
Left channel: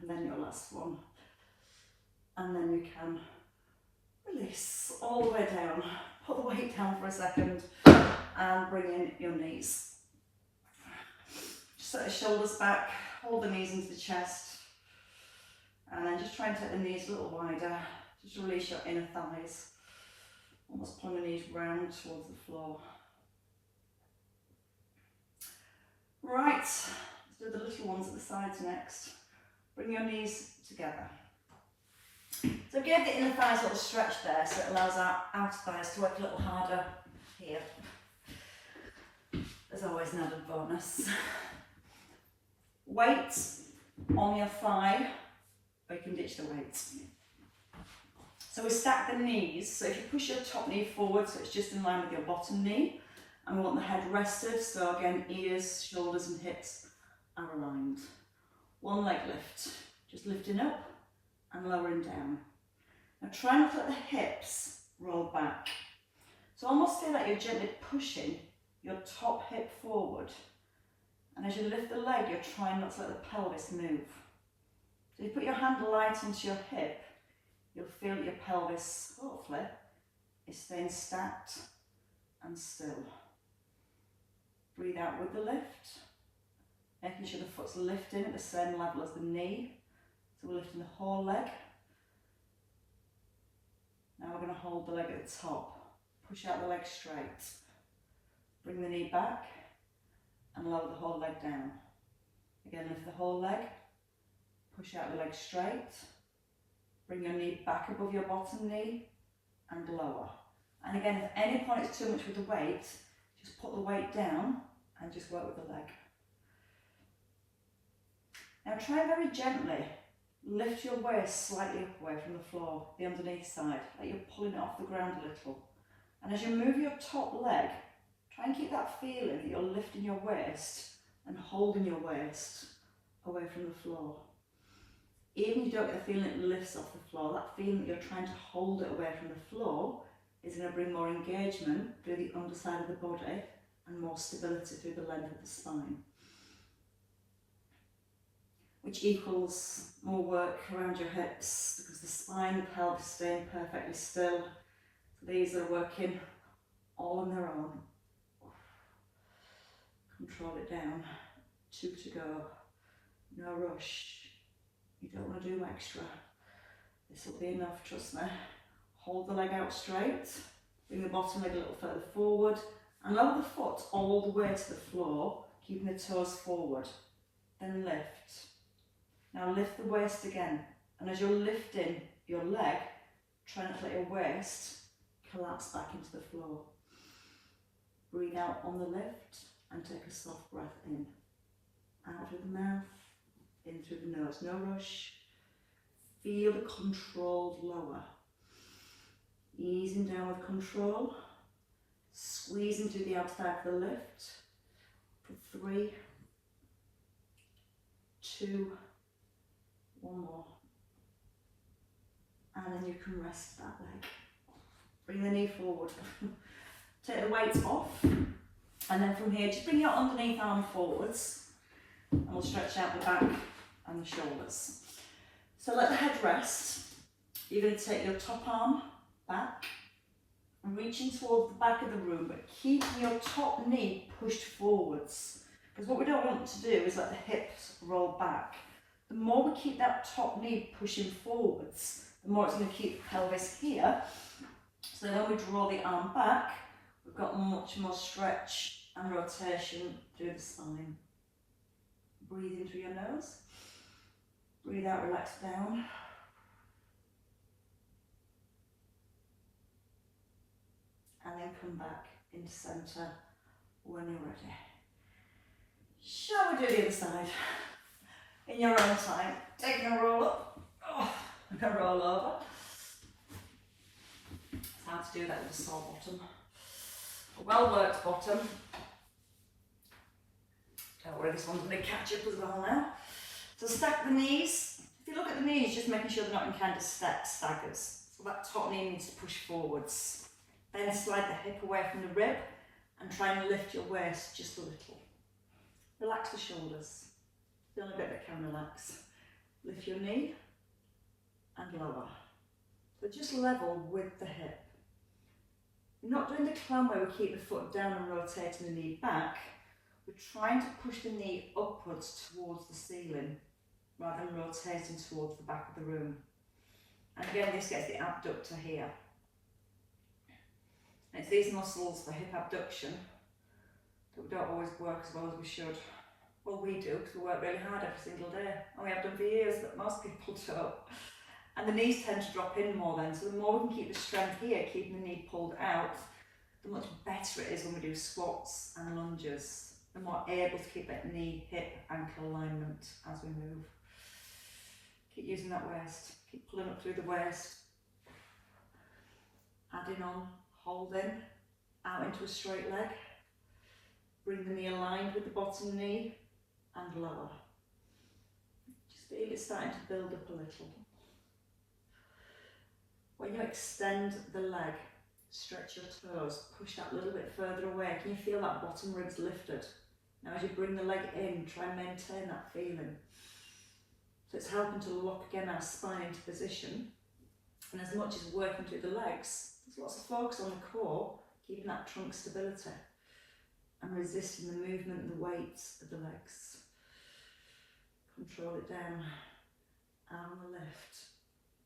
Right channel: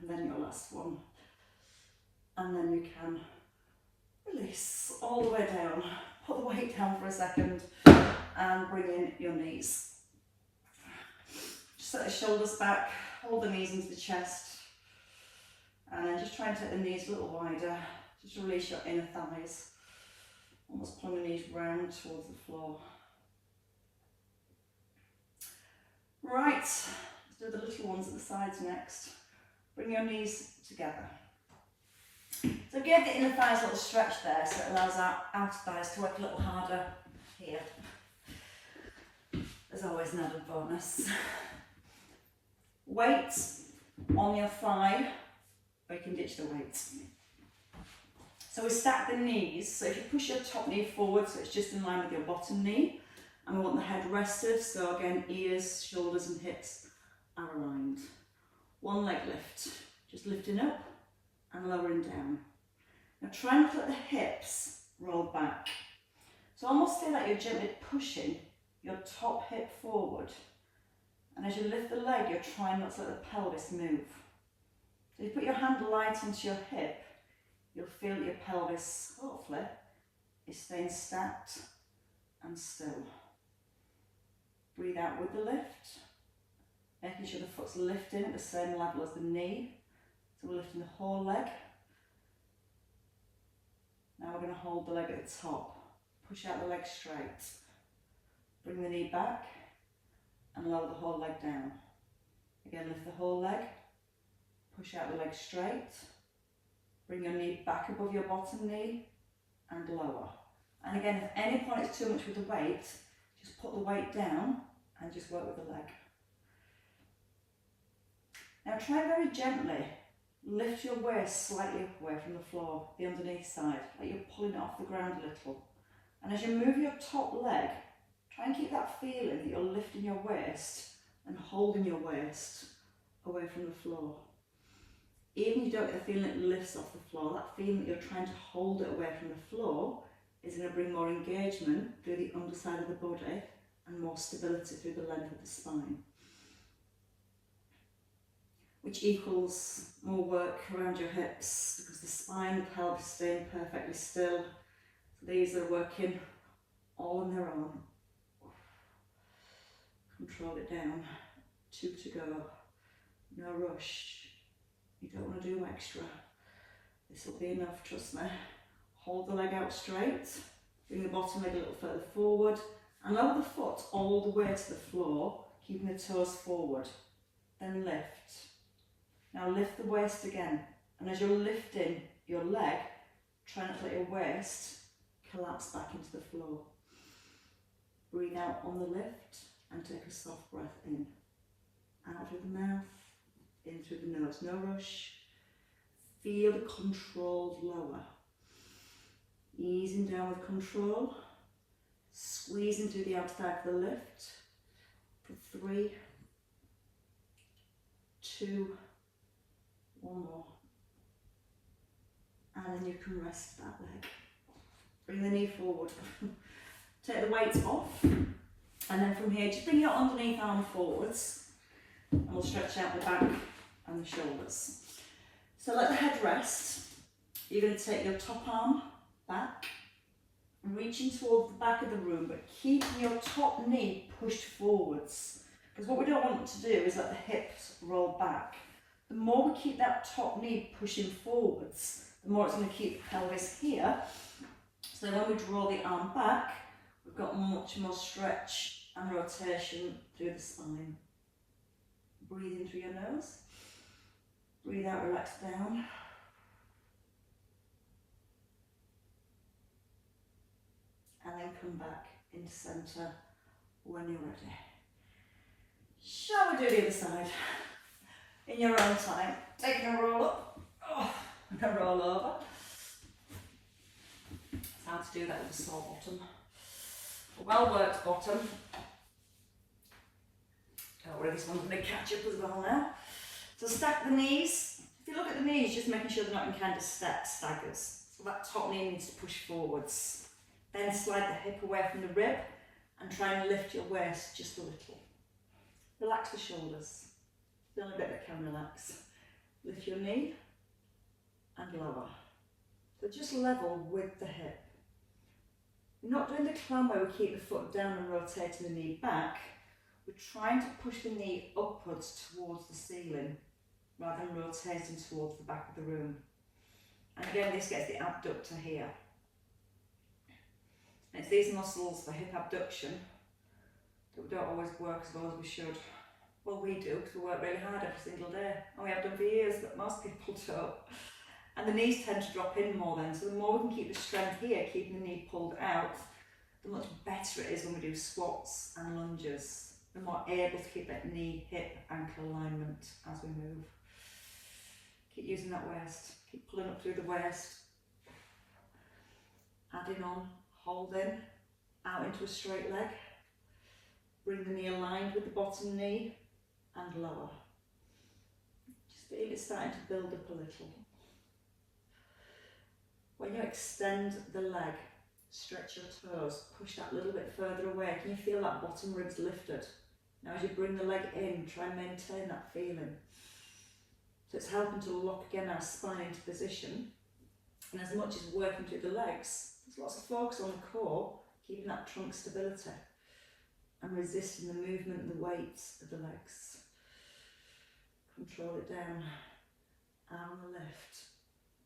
and then your last one. And then you can release all the way down. Put the weight down for a second and bring in your knees. Just set the shoulders back, hold the knees into the chest. And then just try and take the knees a little wider. Just release your inner thighs. Almost pull your knees round towards the floor. Right, let's do the little ones at the sides next. Bring your knees together. So give the inner thighs a little stretch there so it allows our outer thighs to work a little harder here. There's always an added bonus. Weight on your thigh, or you can ditch the weight. So we stack the knees, so if you push your top knee forward so it's just in line with your bottom knee, and we want the head rested, so again ears, shoulders and hips are aligned. One leg lift, just lifting up and lowering down. Now try not to let the hips roll back. So almost feel like you're gently pushing your top hip forward, and as you lift the leg you're trying not to let the pelvis move. So you put your hand light onto your hip, you'll feel that your pelvis, hopefully, is staying stacked and still. Breathe out with the lift, making sure the foot's lifting at the same level as the knee. So we're lifting the whole leg. Now we're going to hold the leg at the top. Push out the leg straight. Bring the knee back and lower the whole leg down. Again, lift the whole leg. Push out the leg straight. Bring your knee back above your bottom knee and lower. And again, if at any point it's too much with the weight, just put the weight down and just work with the leg. Now try very gently, lift your waist slightly up away from the floor, the underneath side, like you're pulling it off the ground a little. And as you move your top leg, try and keep that feeling that you're lifting your waist and holding your waist away from the floor. Even if you don't get the feeling it lifts off the floor, that feeling that you're trying to hold it away from the floor is going to bring more engagement through the underside of the body and more stability through the length of the spine, which equals more work around your hips because the spine and the pelvis staying perfectly still. So these are working all on their own. Control it down. 2 to go. No rush. You don't want to do extra. This will be enough, trust me. Hold the leg out straight. Bring the bottom leg a little further forward and lower the foot all the way to the floor, keeping the toes forward. Then lift. Now lift the waist again. And as you're lifting your leg, try not to let your waist collapse back into the floor. Breathe out on the lift and take a soft breath in. Out through the mouth, in through the nose, no rush. Feel the controlled lower. Easing down with control. Squeezing through the outside of the lift. For 3, 2, 1 more. And then you can rest that leg. Bring the knee forward. Take the weights off. And then from here, just bring your underneath arm forwards. And we'll stretch out the back and the shoulders. So let the head rest. You're going to take your top arm back, reaching towards the back of the room, but keeping your top knee pushed forwards. Because what we don't want to do is let the hips roll back. The more we keep that top knee pushing forwards, the more it's going to keep the pelvis here. So when we draw the arm back, we've got much more stretch and rotation through the spine. Breathe in through your nose. Breathe out, relax down. And then come back into centre when you're ready. Shall we do the other side? In your own time. Taking a roll up, and a roll over. It's hard to do that with a sore bottom. A well worked bottom. Don't worry, this one's going to catch up as well now. So stack the knees. If you look at the knees, just making sure they're not in kind of staggers. So that top knee needs to push forwards. Then slide the hip away from the rib and try and lift your waist just a little. Relax the shoulders. The only bit that can relax. Lift your knee and lower. So just level with the hip. We're not doing the climb where we keep the foot down and rotating the knee back. We're trying to push the knee upwards towards the ceiling rather than rotating towards the back of the room. And again, this gets the abductor here. And it's these muscles for hip abduction that we don't always work as well as we should. Well, we do, because we work really hard every single day. And we have done for years, but most people don't. And the knees tend to drop in more then. So the more we can keep the strength here, keeping the knee pulled out, the much better it is when we do squats and lunges. The more able to keep that knee, hip, ankle alignment as we move. Keep using that waist. Keep pulling up through the waist. Adding on, holding, out into a straight leg. Bring the knee aligned with the bottom knee and lower. Just feel it starting to build up a little. When you extend the leg, stretch your toes, push that a little bit further away. Can you feel that bottom ribs lifted? Now as you bring the leg in, try and maintain that feeling. So it's helping to lock again our spine into position. And as much as working through the legs, there's lots of focus on the core, keeping that trunk stability and resisting the movement and the weight of the legs. Control it down, arm lift,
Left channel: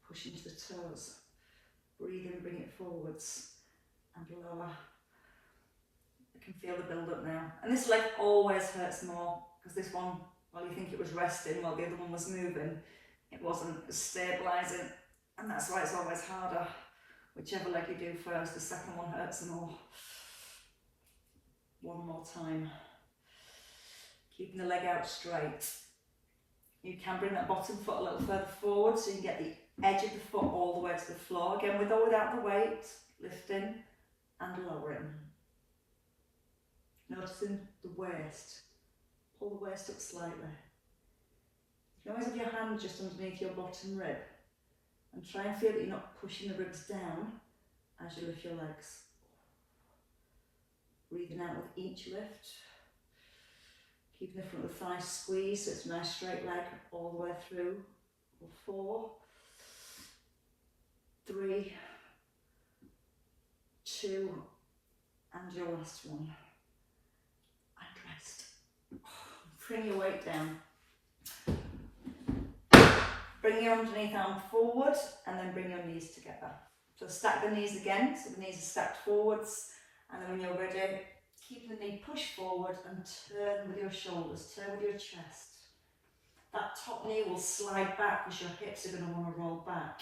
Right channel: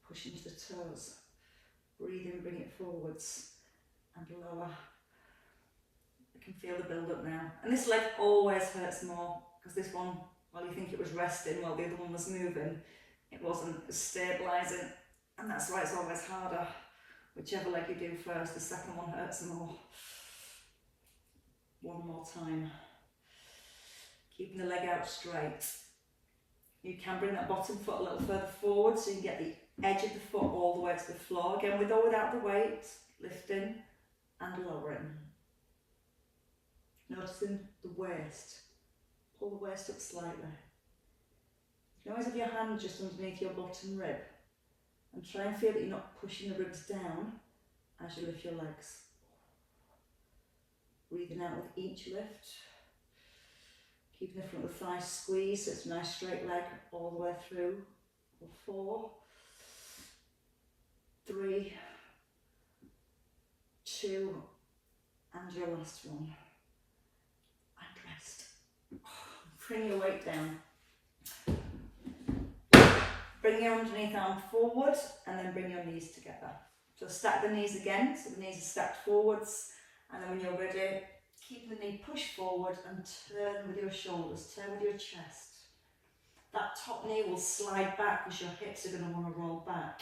push into the toes, breathe in, bring it forwards and lower. I can feel the build up now. And this leg always hurts more because this one, well, you think it was resting while the other one was moving, it wasn't stabilising, and that's why it's always harder. Whichever leg you do first, the second one hurts more. One more time. Keeping the leg out straight. You can bring that bottom foot a little further forward so you can get the edge of the foot all the way to the floor. Again, with or without the weight, lifting and lowering. Noticing the waist. Pull the waist up slightly. You can always have your hand just underneath your bottom rib and try and feel that you're not pushing the ribs down as you lift your legs. Breathing out with each lift. Keeping the front of the thigh squeezed so it's a nice straight leg all the way through. 4, 3, 2, and your last one. And rest. Bring your weight down. Bring your underneath arm forward and then bring your knees together. So stack the knees again, so the knees are stacked forwards, and then when you're ready, keep the knee pushed forward and turn with your shoulders, turn with your chest. That top knee will slide back because your hips are going to want to roll back.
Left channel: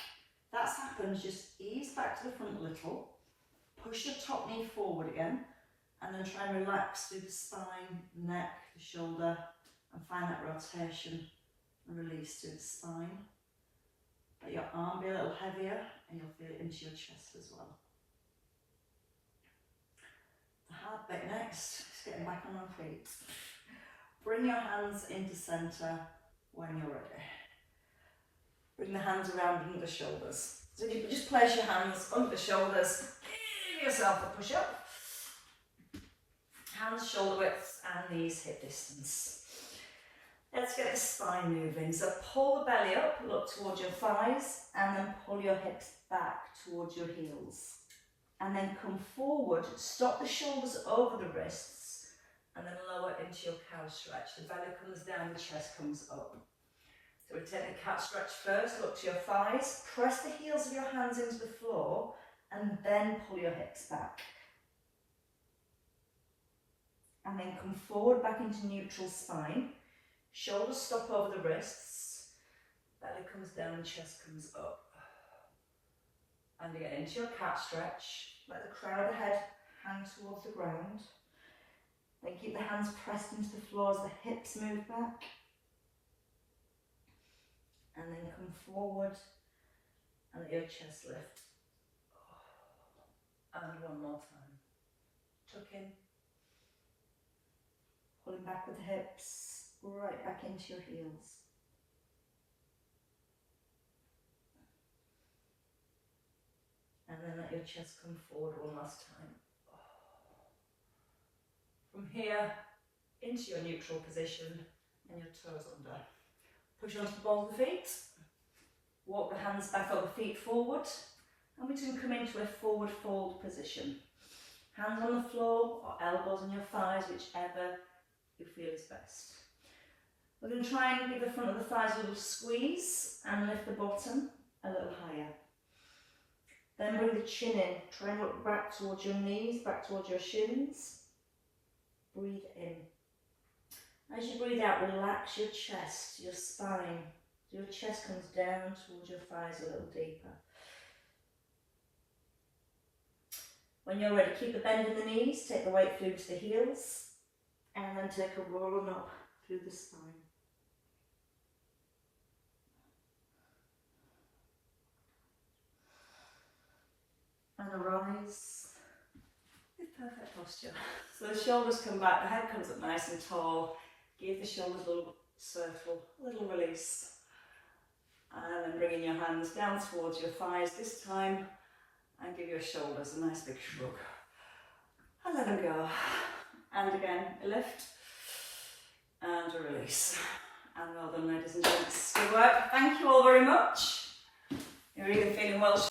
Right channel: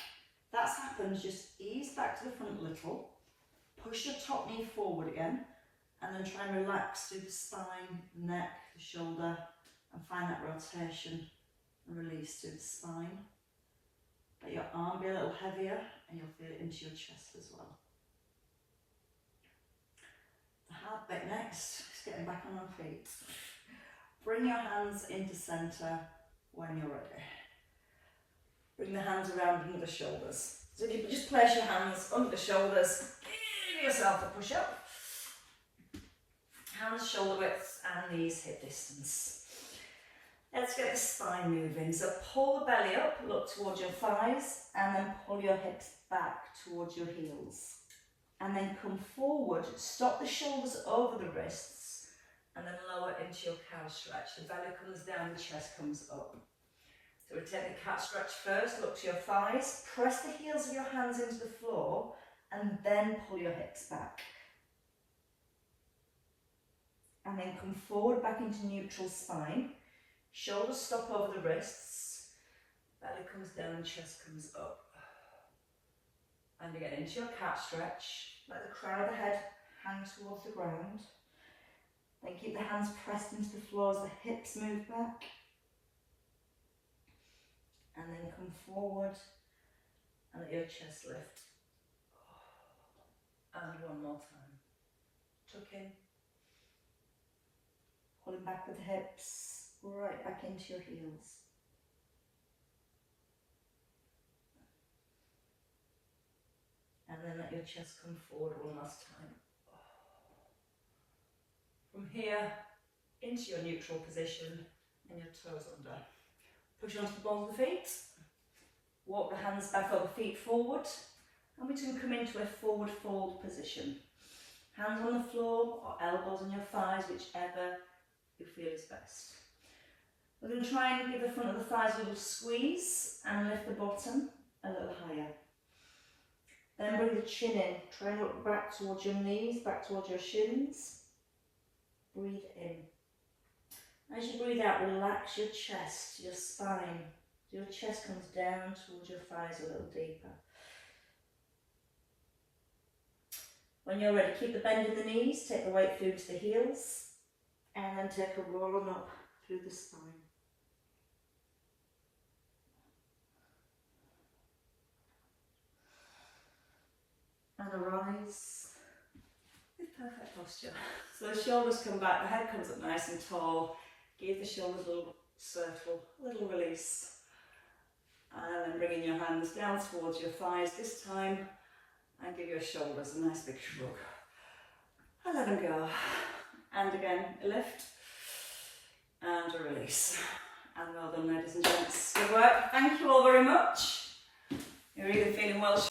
That's happened, just ease back to the front a little, push your top knee forward again, and then try and relax through the spine, neck, the shoulder, and find that rotation and release through the spine. Let your arm be a little heavier and you'll feel it into your chest as well. The hard bit next is getting back on our feet. Bring your hands into centre when you're ready. Bring the hands around under the shoulders. So if you just place your hands under the shoulders, give yourself a push up. Hands shoulder width and knees hip distance. Let's get the spine moving. So pull the belly up, look towards your thighs, and then pull your hips back towards your heels. And then come forward, stop the shoulders over the wrists, and then lower into your cow stretch. The belly comes down, the chest comes up. So we take the cat stretch first, look to your thighs, press the heels of your hands into the floor, and then pull your hips back. And then come forward back into neutral spine. Shoulders stop over the wrists, belly comes down, chest comes up. And again, into your cat stretch. Let the crown of the head hang towards the ground. Then keep the hands pressed into the floor as the hips move back. And then come forward and let your chest lift. And one more time. Tuck in. Pulling back with the hips. Right back into your heels. And then let your chest come forward one last time. From here, into your neutral position and your toes under. Push onto the balls of the feet. Walk the hands back over the feet forward. And we can come into a forward fold position. Hands on the floor or elbows on your thighs, whichever you feel is best. We're going to try and give the front of the thighs a little squeeze and lift the bottom a little higher. Then bring the chin in. Try and look back towards your knees, back towards your shins. Breathe in. As you breathe out, relax your chest, your spine. Your chest comes down towards your thighs a little deeper. When you're ready, keep the bend in the knees, take the weight through to the heels, and then take a roll on up through the spine. And arise with perfect posture. So the shoulders come back, the head comes up nice and tall. Give the shoulders a little circle, a little release. And then bringing your hands down towards your thighs this time. And give your shoulders a nice big shrug. And let them go. And again, a lift. And a release. And well done, ladies and gents. Good work. Thank you all very much. You're either feeling well